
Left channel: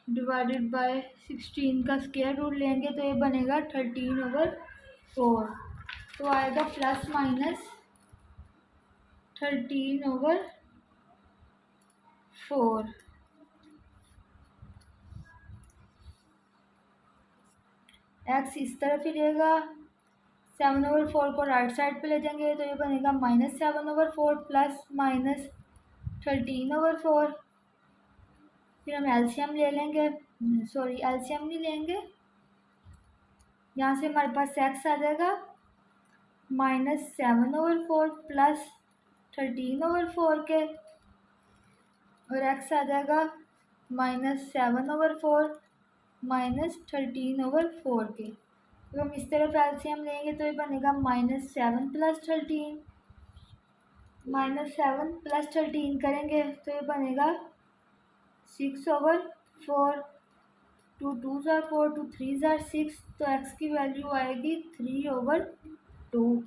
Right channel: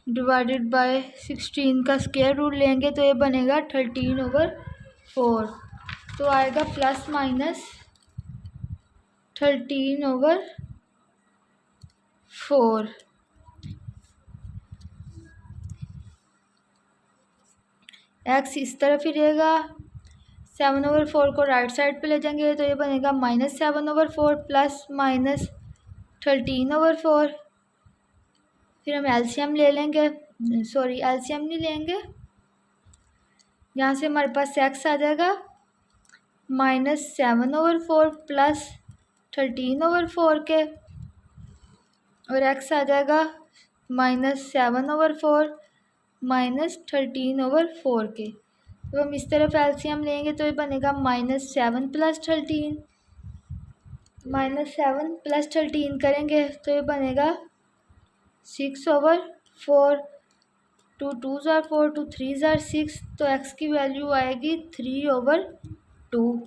डिवाइडेड बाय 16 का स्क्वायर रूट लेंगे तो ये बनेगा 13/4। तो आएगा प्लस माइनस 13/4। एक्स इस तरफ ही रहेगा, 7/4 को राइट साइड पे ले जाएंगे तो ये बनेगा -7/4 प्लस माइनस 13/4। फिर हम एलसीएम ले लेंगे, एलसीएम नहीं लेंगे, यहाँ से हमारे पास एक्स आ जाएगा -7/4 प्लस 13/4 के और एक्स आ जाएगा -7/4 -13/4 के। तो हम इस तरफ एलसीएम लेंगे तो ये बनेगा -7 + 13, -7 + 13 करेंगे तो ये बनेगा 6/4। 2 2s are 4, 2 3s are 6, तो x की वैल्यू आएगी 3/2।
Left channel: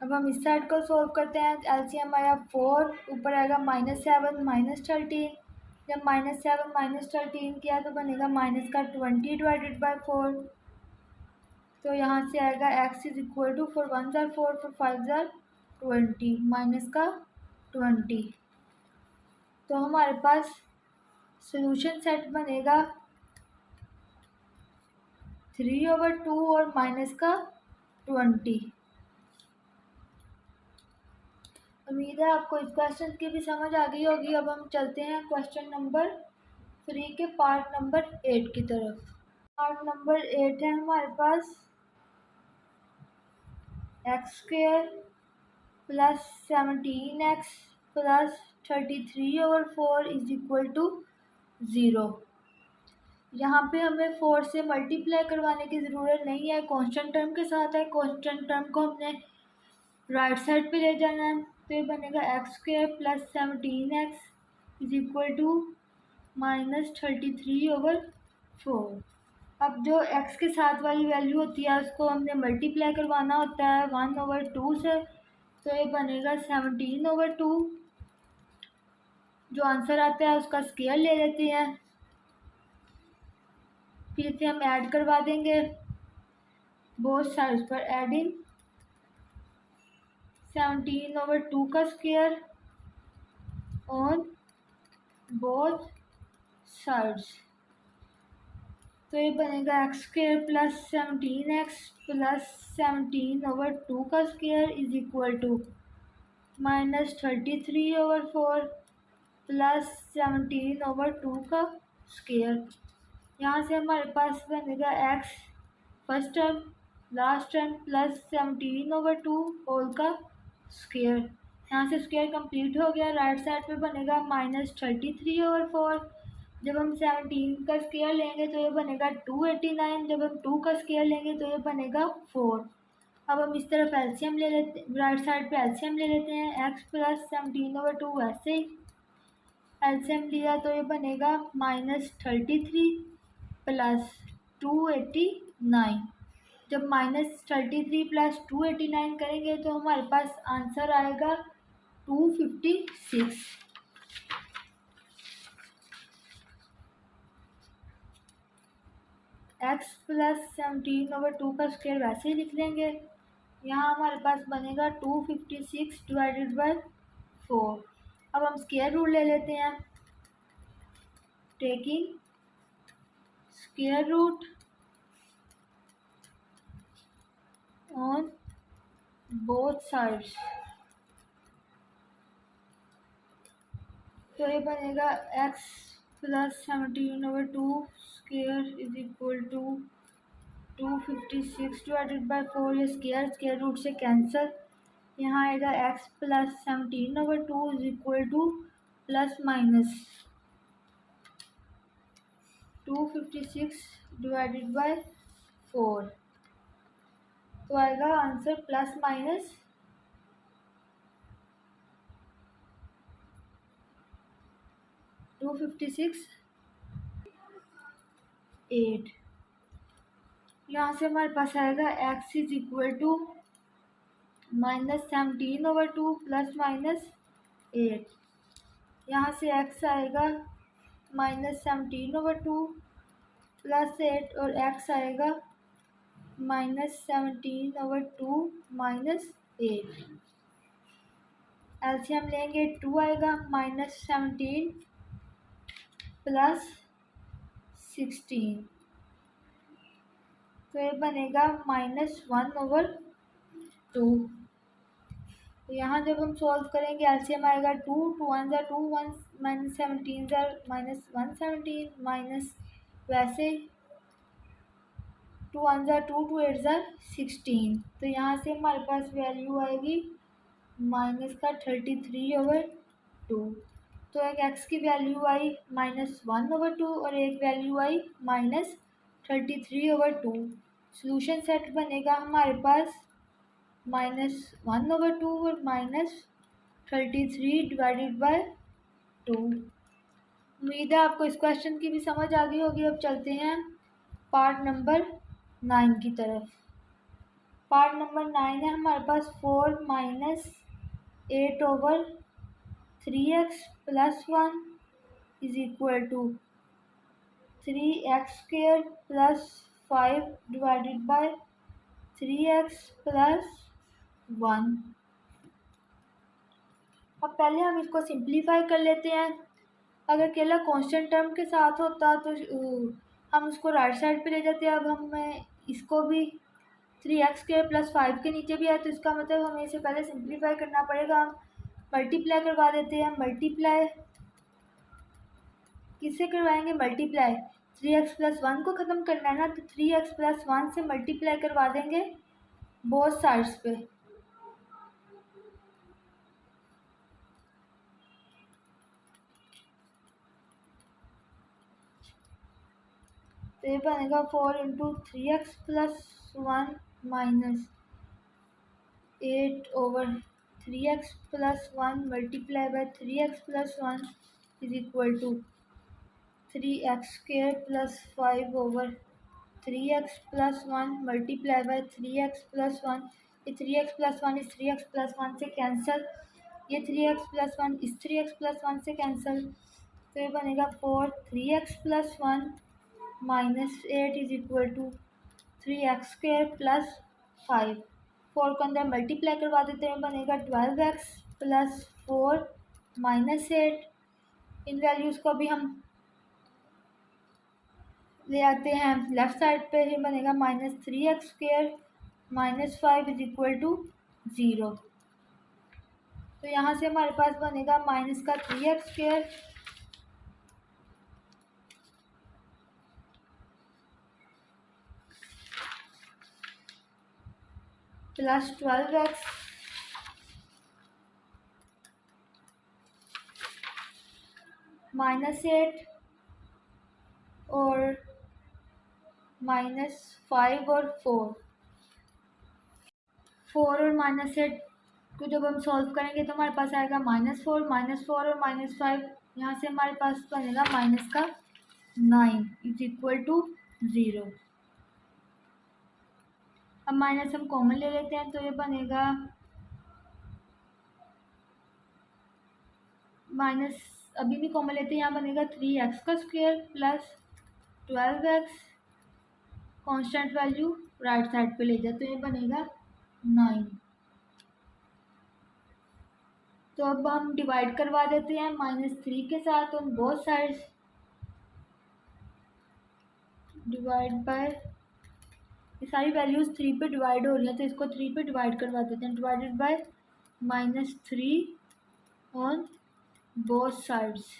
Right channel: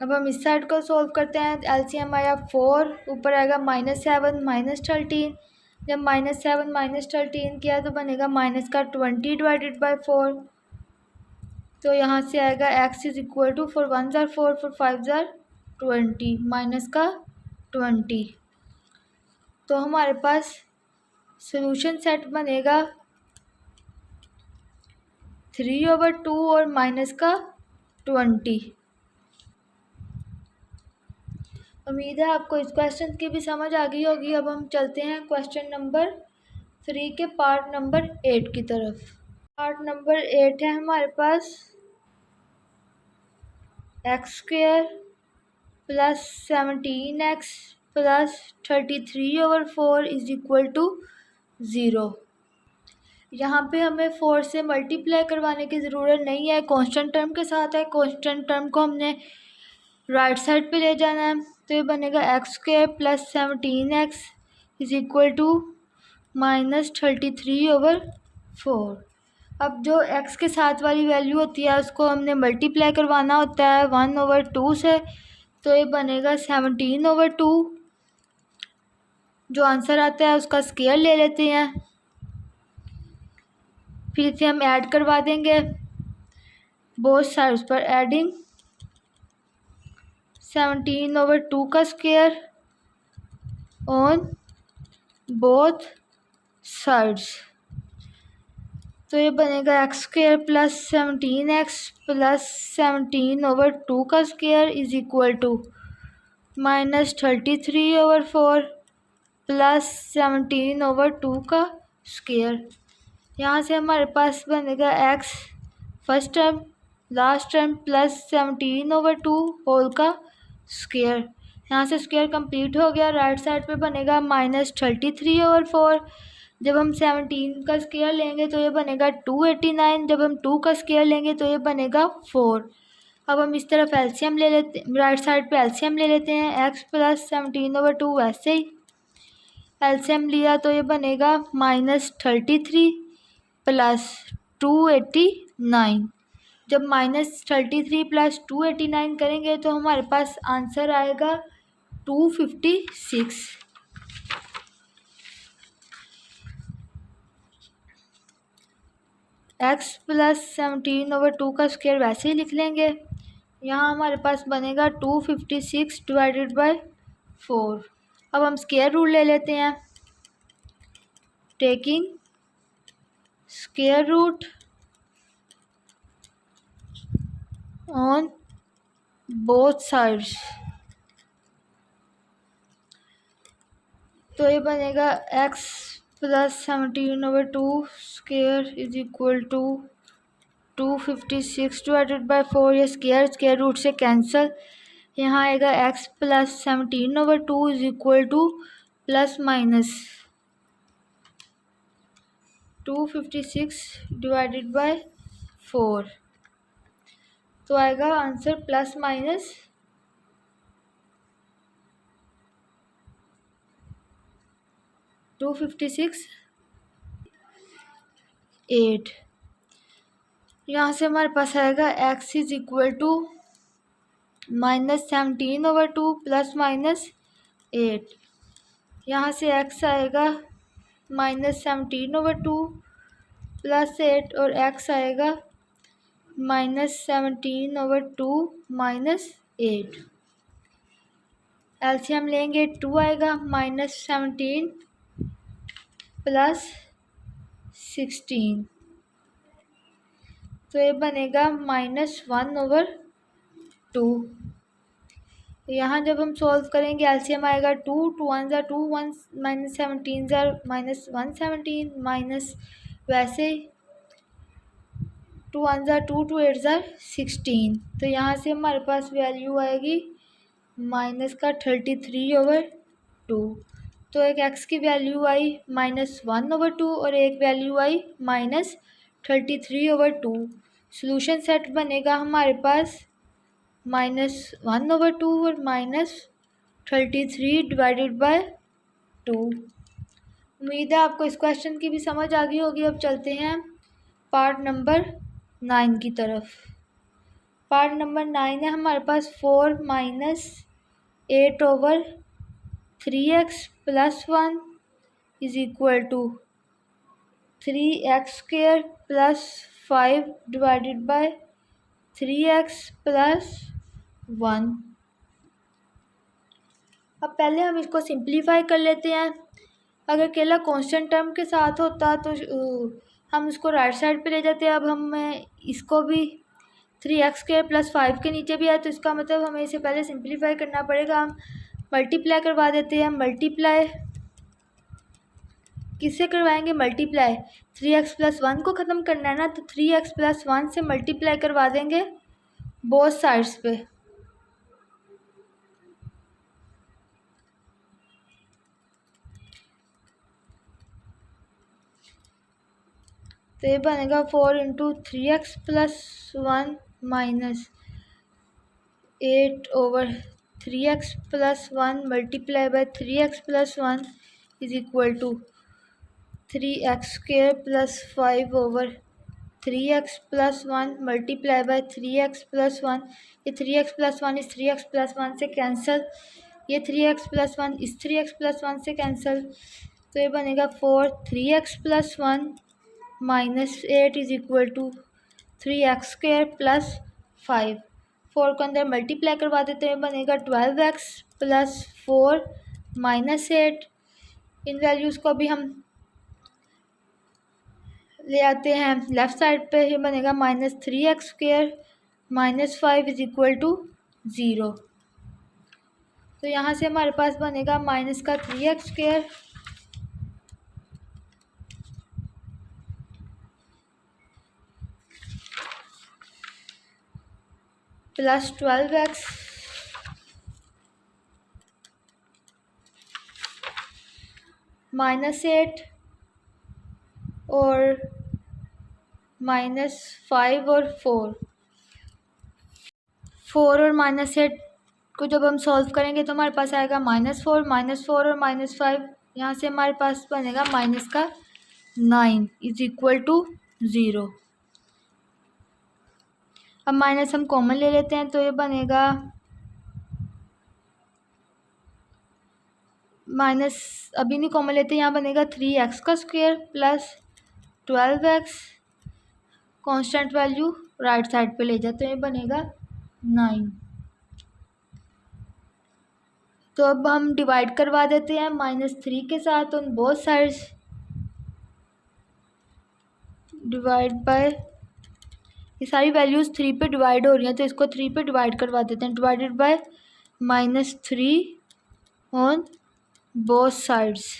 अब हम इस साइड को सॉल्व करते हैं। एलसीएम आया 4, ऊपर आएगा -7 -13। जब -7 -13 किया तो बनेगा माइनस का 20 / 4। तो यहाँ से आएगा x = 4 1s are 4, 4 5s are 20, minus का 20। तो हमारे पास सोल्यूशन सेट बनेगा 3/2 और माइनस का 20। उम्मीद है आपको इस क्वेश्चन की भी समझ आ गई होगी। अब हम चलते हैं क्वेश्चन नंबर 3 के पार्ट नंबर 8 की तरफ। पार्ट नंबर 8 है हमारे पास x² + 17x + 33/4 = 0। यहाँ पे हमें 4 से मल्टीप्लाई करवाने की ज़रूरत नहीं है, कांस्टेंट टर्म के साथ है। कांस्टेंट टर्म को हमने राइट साइड पे ले जाना है। तो ये बनेगा x² + 17x = -33/4। अब जो x के साथ वाली वैल्यू होती है उसको हमने मल्टीप्लाई करवाना होता है 1/2 से। तो ये बनेगा 17/2। जो आंसर आता है उसका स्क्वायर ले लेते हैं, फिर इसे हम ऐड करवा देंगे बोथ साइड्स पर। एडिंग 17/2 का स्क्वायर ऑन बोथ साइड्स। तो ये बनेगा x² + 17x + 17/2 का स्क्वायर = -33/4 + 17/2 का स्क्वायर। यहाँ से हमारे पास बनेगा x first term last term + 17/2 whole का स्क्वायर। यहाँ से स्क्वायर कंप्लीट हो गया। राइट साइड पे बनेगा -33/4। जब हम 17 का स्क्वायर लेंगे तो ये बनेगा 289। जब हम 2 का स्क्वायर लेंगे तो ये बनेगा 4। अब हम इस तरफ एलसीएम ले लेते, राइट साइड पे एलसीएम ले लेते हैं। x + 17/2 वैसे ही एलसीएम लिया तो ये बनेगा -33 + 289। जब -33 + 289 करेंगे तो हमारे पास आंसर आएगा 256। x + 17/2 का स्क्वायर वैसे ही लिख लेंगे। यहाँ हमारे पास बनेगा 256 / 4। अब हम स्क्वायर रूट ले लेते हैं। Taking square root on both sides. तो ये बनेगा x + 17/2 स्क्वायर = 256 / 4। ये स्क्वायर रूट से कैंसिल। यहाँ आएगा x + 17/2 ± 256 / 4। तो आएगा आंसर ± 256 8। यहाँ से हमारे पास आएगा x = -17/2 ± 8। यहाँ से x आएगा -17/2 + 8 और x आएगा -17/2 - 8। एलसीएम लेंगे 2 आएगा, -17 + 16। तो ये बनेगा -1/2। यहाँ जब हम सॉल्व करेंगे एलसीएम आएगा 2 2 1s are 2 1 -17s are -117 minus वैसे 2 1s are 2 2 8s are 16। तो यहाँ से हमारे पास वैल्यू आएगी -33/2। 2। तो एक x की वैल्यू आई -1/2 और एक वैल्यू आई -33/2। सॉल्यूशन सेट बनेगा हमारे पास -1/2 और -33/2। उम्मीद है आपको इस क्वेश्चन की भी समझ आ गई होगी। अब चलते हैं पार्ट नंबर 9 की तरफ। पार्ट नंबर 9 है हमारे पास 4 - 8/3x + 1 is equal to 3x² + 5/3x + 1। अब पहले हम इसको सिंप्लीफाई कर लेते हैं। अगर अकेला कांस्टेंट टर्म के साथ होता तो हम उसको राइट साइड पे ले जाते। अब हमें इसको भी 3x² + 5 के नीचे भी है, तो इसका मतलब हमें इसे पहले सिंप्लीफाई करना पड़ेगा। हम मल्टीप्लाई करवा देते हैं। मल्टीप्लाई किससे करवाएंगे? मल्टीप्लाई 3x + 1 को ख़त्म करना है ना, तो 3x + 1 से मल्टीप्लाई करवा देंगे बोथ साइड्स पे। तो ये बनेगा 4 × 3x + 1 - 8/3x + 1 × 3x + 1 is equal to 3x² + 5/3x + 1 × 3x + 1। ये 3x + 1 इस 3x + 1 से कैंसिल, ये 3x + 1 इस 3x + 1 से कैंसिल। तो ये बनेगा 4 3x + 1 - 8 is equal to 3x² + 5। 4 को अंदर मल्टीप्लाई करवा देते हैं, बनेगा 12x + 4 - 8। इन वैल्यूज़ को भी हम ले आते हैं लेफ़्ट साइड पे। ये बनेगा -3x² - 5 इज इक्वल टू 0। तो यहाँ से हमारे पास बनेगा -3x² + 12x -8 और -5 और 4 और -8 को जब हम सॉल्व करेंगे तो हमारे पास आएगा -4 और -5। यहाँ से हमारे पास बनेगा -9 इज इक्वल टू 0। अब माइनस हम कॉमन ले लेते हैं, तो ये बनेगा माइनस, अभी नहीं कॉमन लेते, यहाँ बनेगा 3x² + 12x, constant value right side पे ले जाते हैं, बनेगा 9। तो अब हम डिवाइड करवा देते हैं -3 के साथ on both sides. Divide by, ये सारी वैल्यूज़ 3 पे डिवाइड हो रही हैं, तो इसको 3 पे डिवाइड करवा देते हैं। Divided by -3 on both sides.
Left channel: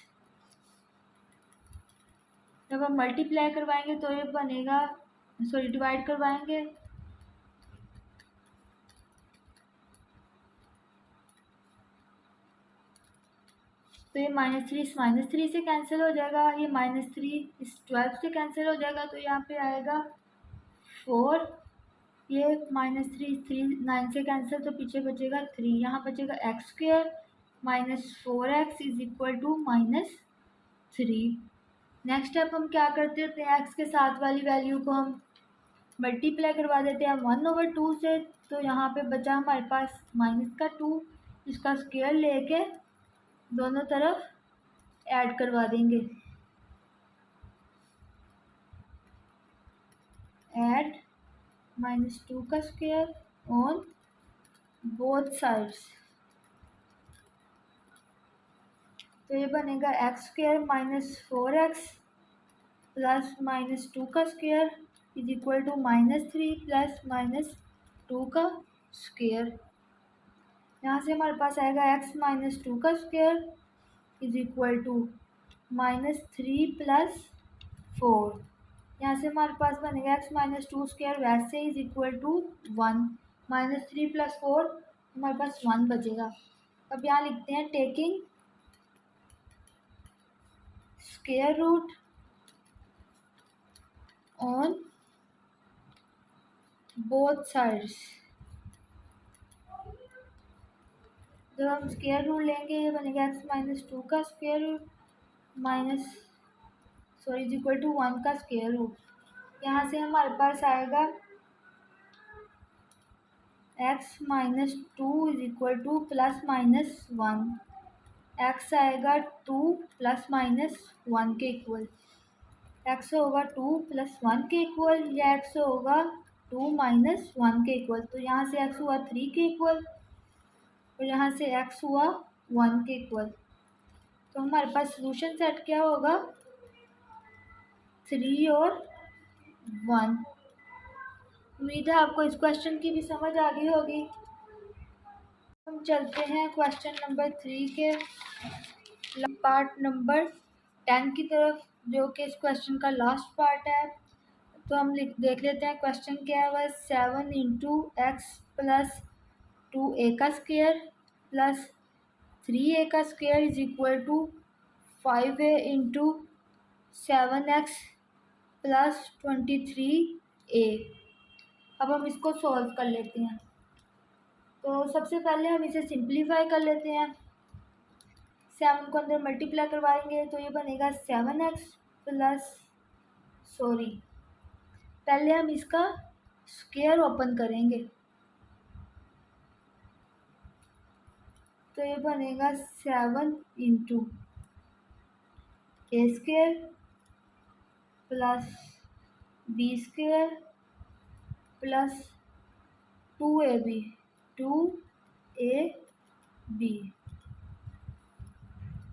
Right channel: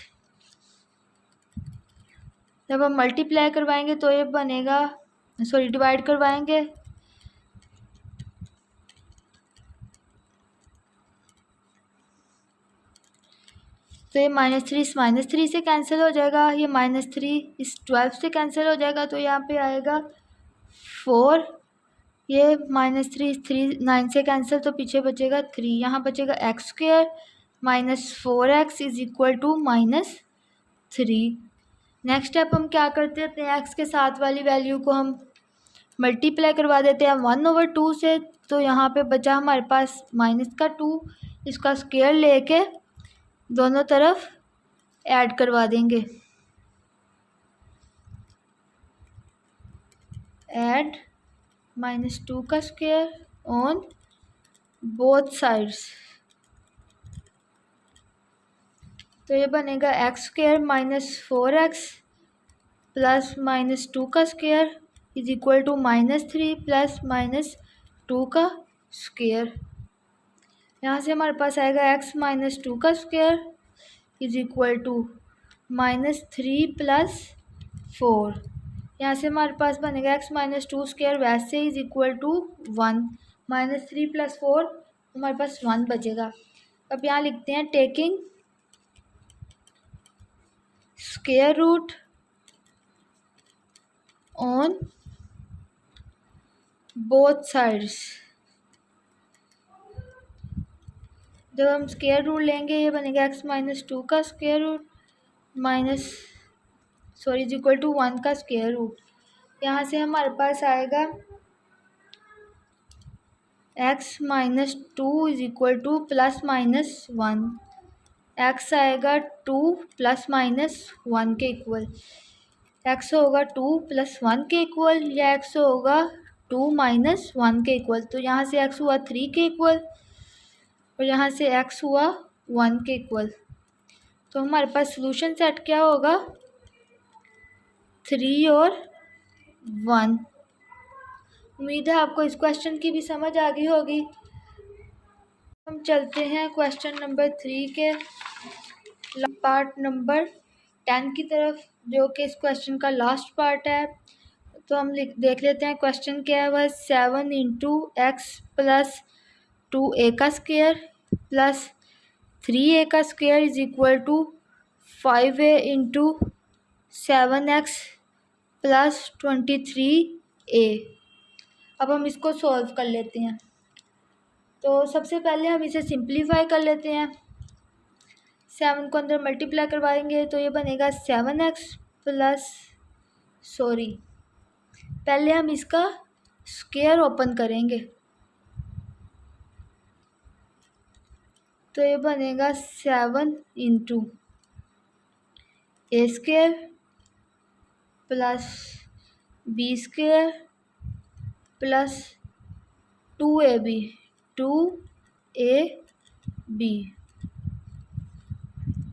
जब हम मल्टीप्लाई करवाएंगे तो ये बनेगा, सॉरी डिवाइड करवाएंगे तो ये -3 इस -3 से कैंसिल हो जाएगा, ये -3 इस 12 से कैंसिल हो जाएगा, तो यहाँ पे आएगा 4, ये -3 इस 9 से कैंसिल, तो पीछे बचेगा 3, यहाँ बचेगा x² - 4x is equal to -3। Next step हम क्या करते हैं, x के साथ वाली वैल्यू को हम मल्टीप्लाई करवा देते हैं 1/2 से। तो यहाँ पे बचा हमारे पास -2, इसका स्क्वायर लेके दोनों तरफ ऐड करवा देंगे। ऐड -2 का स्क्वायर ऑन बोथ साइड्स, तो ये बनेगा x² - 4x + -2 का स्क्वायर इज इक्वल टू -3 + -2 का स्क्वायर। यहाँ से हमारे पास आएगा x - 2 का स्क्वायर इज इक्वल टू -3 + 4। यहाँ से हमारे पास बनेगा x - 2 स्क्वायर वैसे इज इक्वल टू 1, -3 + 4 हमारे पास 1 बचेगा। अब यहाँ लिखते हैं taking square root on both sides. जब हम स्क्वायर रूट लेंगे ये बनेगा x माइनस 2 का square root minus is equal to 1 का स्क्वायर रूट। यहाँ से हमारे पास आएगा x minus 2 is equal two plus minus 1। x आएगा 2 प्लस माइनस 1 के इक्वल। x होगा 2 प्लस 1 के इक्वल या x होगा 2 माइनस 1 के इक्वल। तो यहाँ से x हुआ 3 के इक्वल और यहाँ से x हुआ 1 के इक्वल। तो हमारे पास सॉल्यूशन सेट क्या होगा, 3 और 1। उम्मीद है आपको इस क्वेश्चन की भी समझ आ गई होगी। हम चलते हैं क्वेश्चन नंबर 3 के पार्ट नंबर 10 की तरफ, जो कि इस क्वेश्चन का लास्ट पार्ट है। तो हम देख लेते हैं क्वेश्चन क्या है। वह 7 इंटू एक्स प्लस 2a का स्क्वायर प्लस 3a का square is equal to 5a into 7x plus 23a। अब हम इसको सॉल्व कर लेते हैं। तो सबसे पहले हम इसे सिंप्लीफाई कर लेते हैं। 7 को अंदर मल्टीप्लाई करवाएंगे तो ये बनेगा 7x प्लस पहले हम इसका स्क्वायर ओपन करेंगे तो ये बनेगा 7 into A square plus B square plus 2ab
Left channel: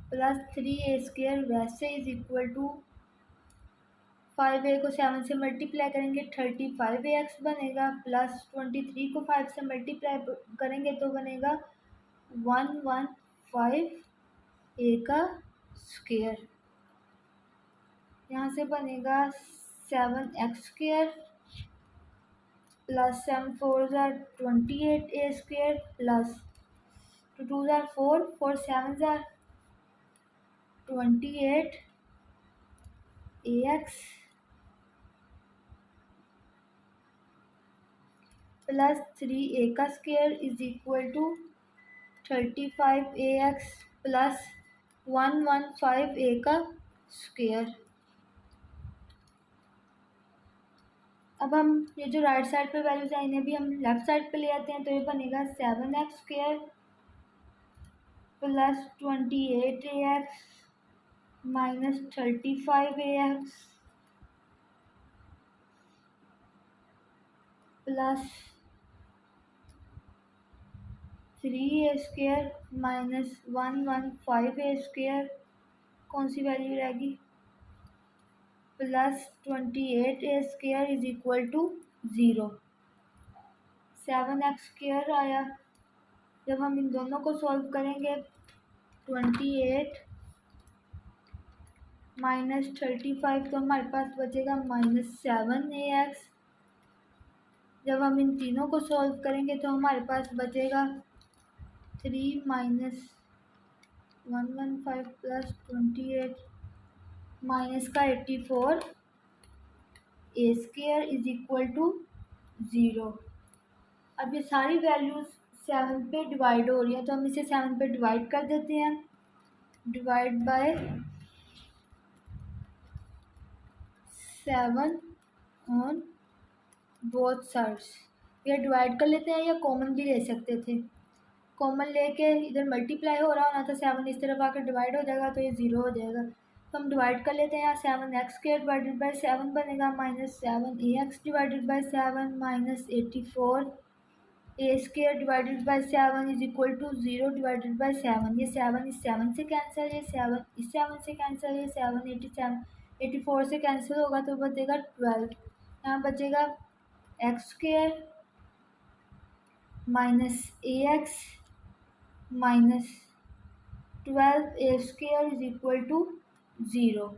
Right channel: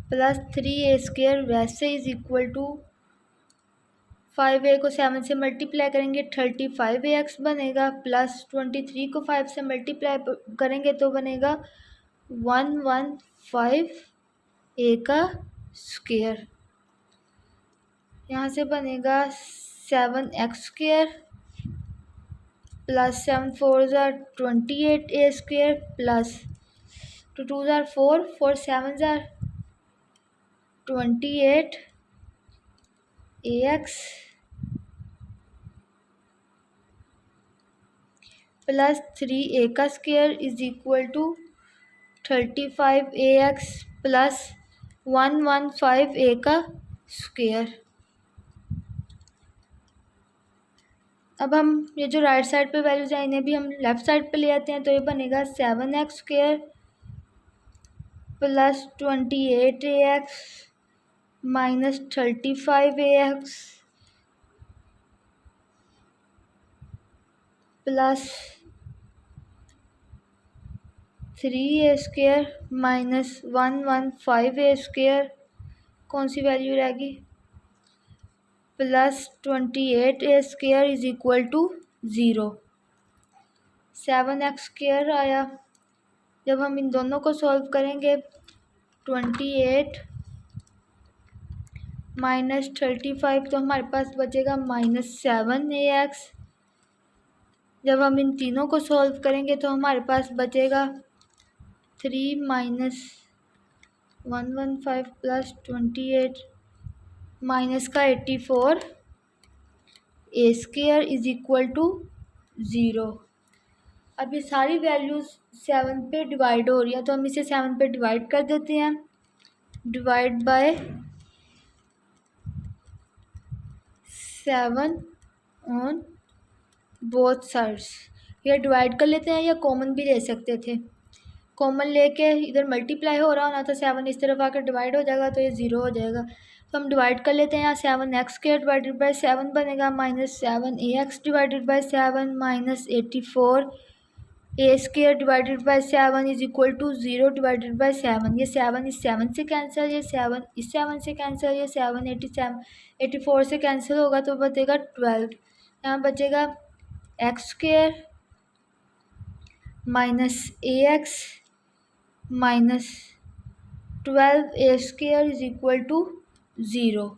plus 3a square वैसे इज इक्वल टू 5a को 7 से मल्टीप्लाई करेंगे 35ax बनेगा प्लस 23 को 5 से मल्टीप्लाई करेंगे तो बनेगा 115a का स्क्वायर। यहाँ से बनेगा 7x स्क्वायर प्लस 7 4 ज़ार 28a स्क्वायर प्लस 2 2 ज़ार 4 4 7 ज़ार 28ax प्लस 3a का square is equal to 35ax plus 115a का स्क्वायर। अब हम ये जो राइट साइड पे वैल्यूज हैं इन्हें भी हम लेफ़्ट साइड पे ले आते हैं तो ये बनेगा 7x square plus 28ax minus 35ax plus 3a square minus 115a square, कौन सी वैल्यू रहेगी, plus 28a square is equal to 0। 7x square आया। जब हम इन दोनों को सॉल्व करेंगे 28 माइनस 35 तो हमारे पास बचेगा माइनस 7ax। जब हम इन तीनों को सॉल्व करेंगे तो हमारे पास बचेगा 3 माइनस 115 प्लस 28 माइनस का 84 ए स्क्वायर इज इक्वल टू 0। अब ये सारी वैल्यूज़ 7 पे डिवाइड हो रही है तो हम इसे 7 पे डिवाइड कर देते हैं। Divide by 7 on both sides. ये डिवाइड कर लेते हैं या कॉमन भी ले सकते थे। कॉमन लेके इधर मल्टीप्लाई हो रहा होना तो 7 इस तरफ आकर डिवाइड हो जाएगा तो ये 0 हो जाएगा। तो हम डिवाइड कर लेते हैं। यहाँ 7x स्क्वायर डिवाइडेड बाई 7 बनेगा minus 7ax divided by 7 minus 84a square divided by 7 is equal to 0 divided by 7। ये 7 इस 7 से कैंसिल, ये 7 इस 7 से कैंसिल, ये 7 84 से कैंसिल होगा तो बचेगा 12। यहाँ बचेगा x square minus ax minus 12a square is equal to 0।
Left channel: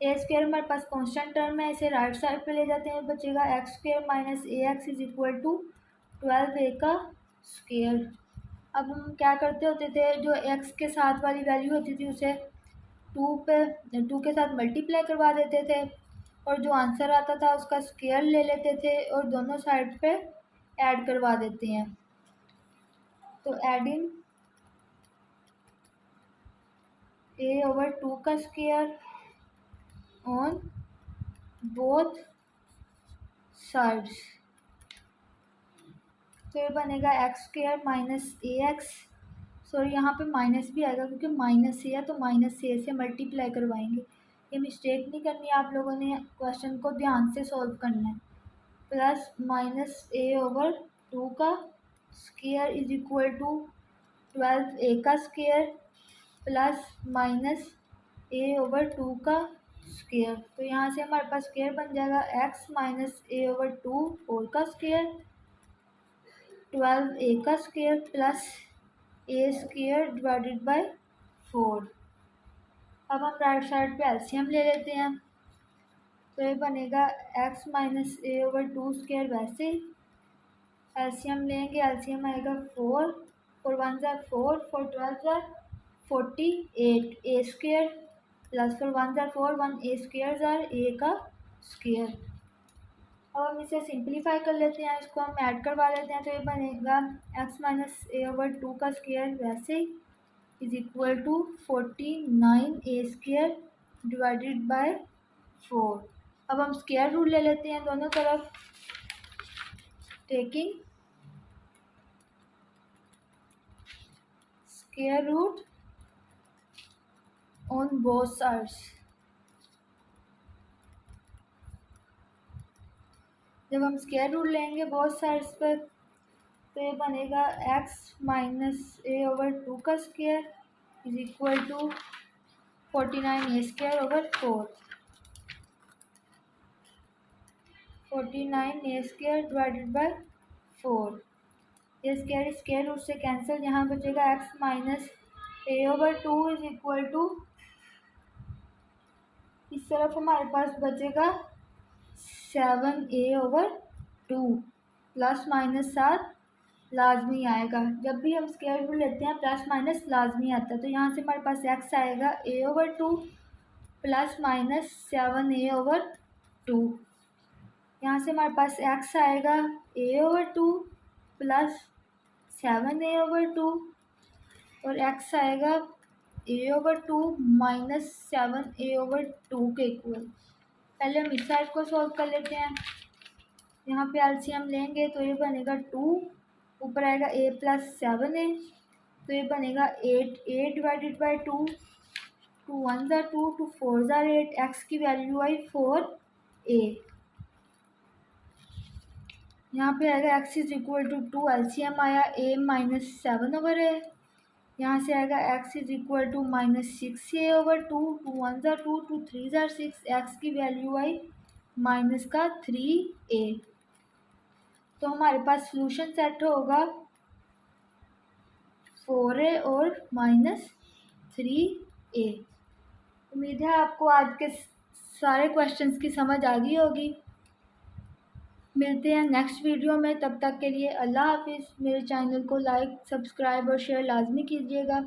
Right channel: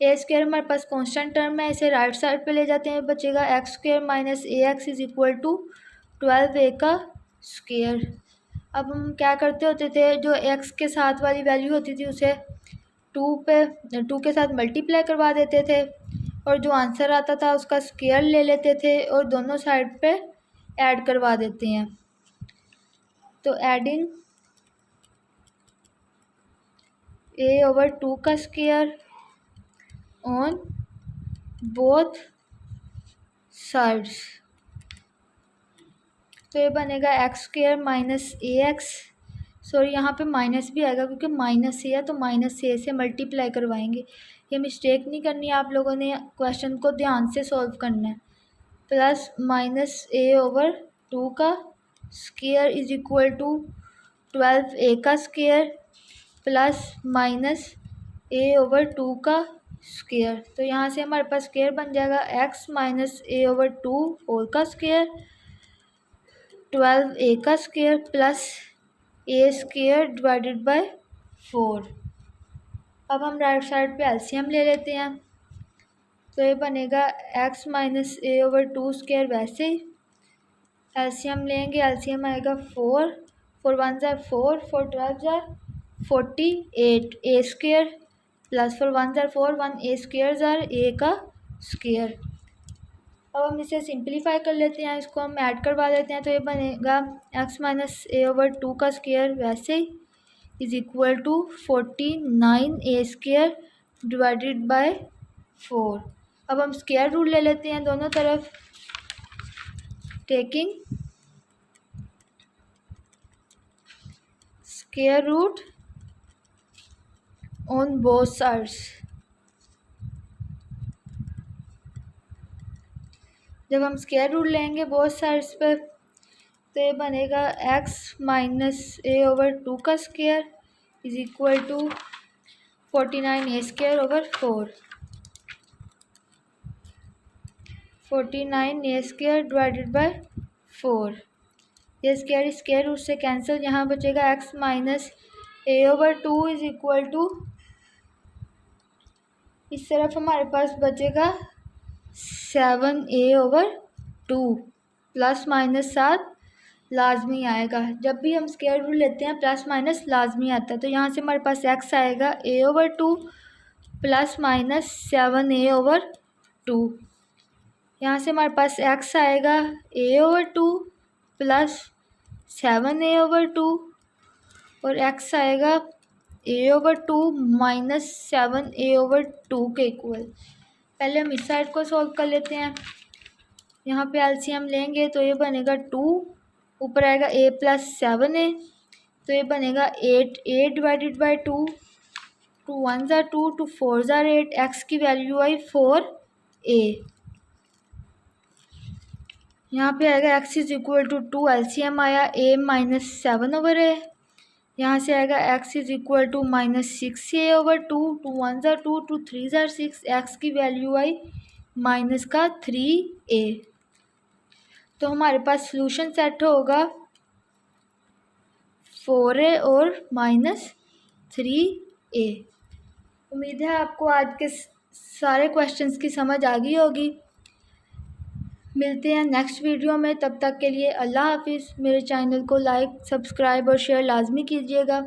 A square हमारे पास कांस्टेंट टर्म है, इसे राइट साइड पे ले जाते हैं, बचेगा x square minus ax is equal to 12a का स्क्वायर। अब हम क्या करते होते थे, जो x के साथ वाली वैल्यू होती थी उसे टू के साथ मल्टीप्लाई करवा देते थे और जो आंसर आता था उसका स्क्वायर ले लेते थे और दोनों साइड पे ऐड करवा देते हैं। तो एडिंग a/2 का स्क्वायर ऑन बोथ साइड्स, तो ये बनेगा x² माइनस ax। सॉरी, यहाँ पे माइनस भी आएगा क्योंकि माइनस ए है तो माइनस ए से मल्टीप्लाई करवाएंगे। ये मिस्टेक नहीं करनी है, आप लोगों ने क्वेश्चन को ध्यान से सॉल्व करना है। प्लस माइनस a/2 का square is equal to 12a का स्क्वायर प्लस माइनस a/2 का स्क्वायर। तो यहाँ से हमारे पास स्क्वायर बन जाएगा x माइनस a/2 होल का स्क्वायर 12a का square plus a² divided by 4। अब हम राइट साइड पे एलसीएम ले लेते हैं, तो ये बनेगा x माइनस a/2 स्क्वायर। वैसे ही एलसीएम लेंगे, एलसीएम आएगा 4 1 ज़ार 4 12 ज़ार 48 a² प्लस 1 ज़ार 4 1 a² ज़ार a का स्क्वायर। अब हम इसे सिंप्लीफाई कर लेते हैं, इसको हम ऐड करवा देते हैं, तो ये बनेगा x माइनस a/2 का स्क्वायर वैसे ही is equal to 49a² divided by 4। अब हम स्क्वायर रूट ले लेते हैं दोनों तरफ, taking square root on both sides. जब हम स्क्वायर रूट लेंगे बोथ साइड्स पे, तो ये बनेगा x माइनस a/2 का square is equal to 49a² 49a² divided by 4। ये स्क्वायर रूट से कैंसिल, यहाँ बचेगा x minus a/2 is equal to, इस तरफ हमारे पास बचेगा 7a/2 प्लस माइनस 7 लाजमी आएगा। जब भी हम स्क्वायर रूट लेते हैं प्लस माइनस लाजमी आता है, तो यहाँ से हमारे पास x आएगा a/2 प्लस माइनस 7a/2। यहाँ से हमारे पास x आएगा a/2 प्लस 7a/2 और x आएगा a/2 माइनस 7a/2 के इक्वल। पहले हम इस साइड को सॉल्व कर लेते हैं, यहाँ पे एलसीएम लेंगे तो ये बनेगा 2, ऊपर आएगा a प्लस 7a, तो ये बनेगा 8a डिवाइडेड बाई 2, 2 1 ज़ार 2 2 4 ज़ार 8, x की वैल्यू आई 4a। यहाँ पे आएगा x is equal to 2, LCM आया a माइनस 7/a, यहाँ से आएगा x is equal to minus 6a/2, 2 1 ज़ार 2 2 3 ज़ार 6, x की वैल्यू आई माइनस का 3a। तो हमारे पास सॉल्यूशन सेट होगा 4a और माइनस 3a। उम्मीद है आपको आज के सारे क्वेश्चंस की समझ आ गई होगी। मिलते हैं नेक्स्ट वीडियो में, तब तक के लिए अल्लाह हाफिज़। मेरे चैनल को लाइक सब्सक्राइब और शेयर लाजमी कीजिएगा।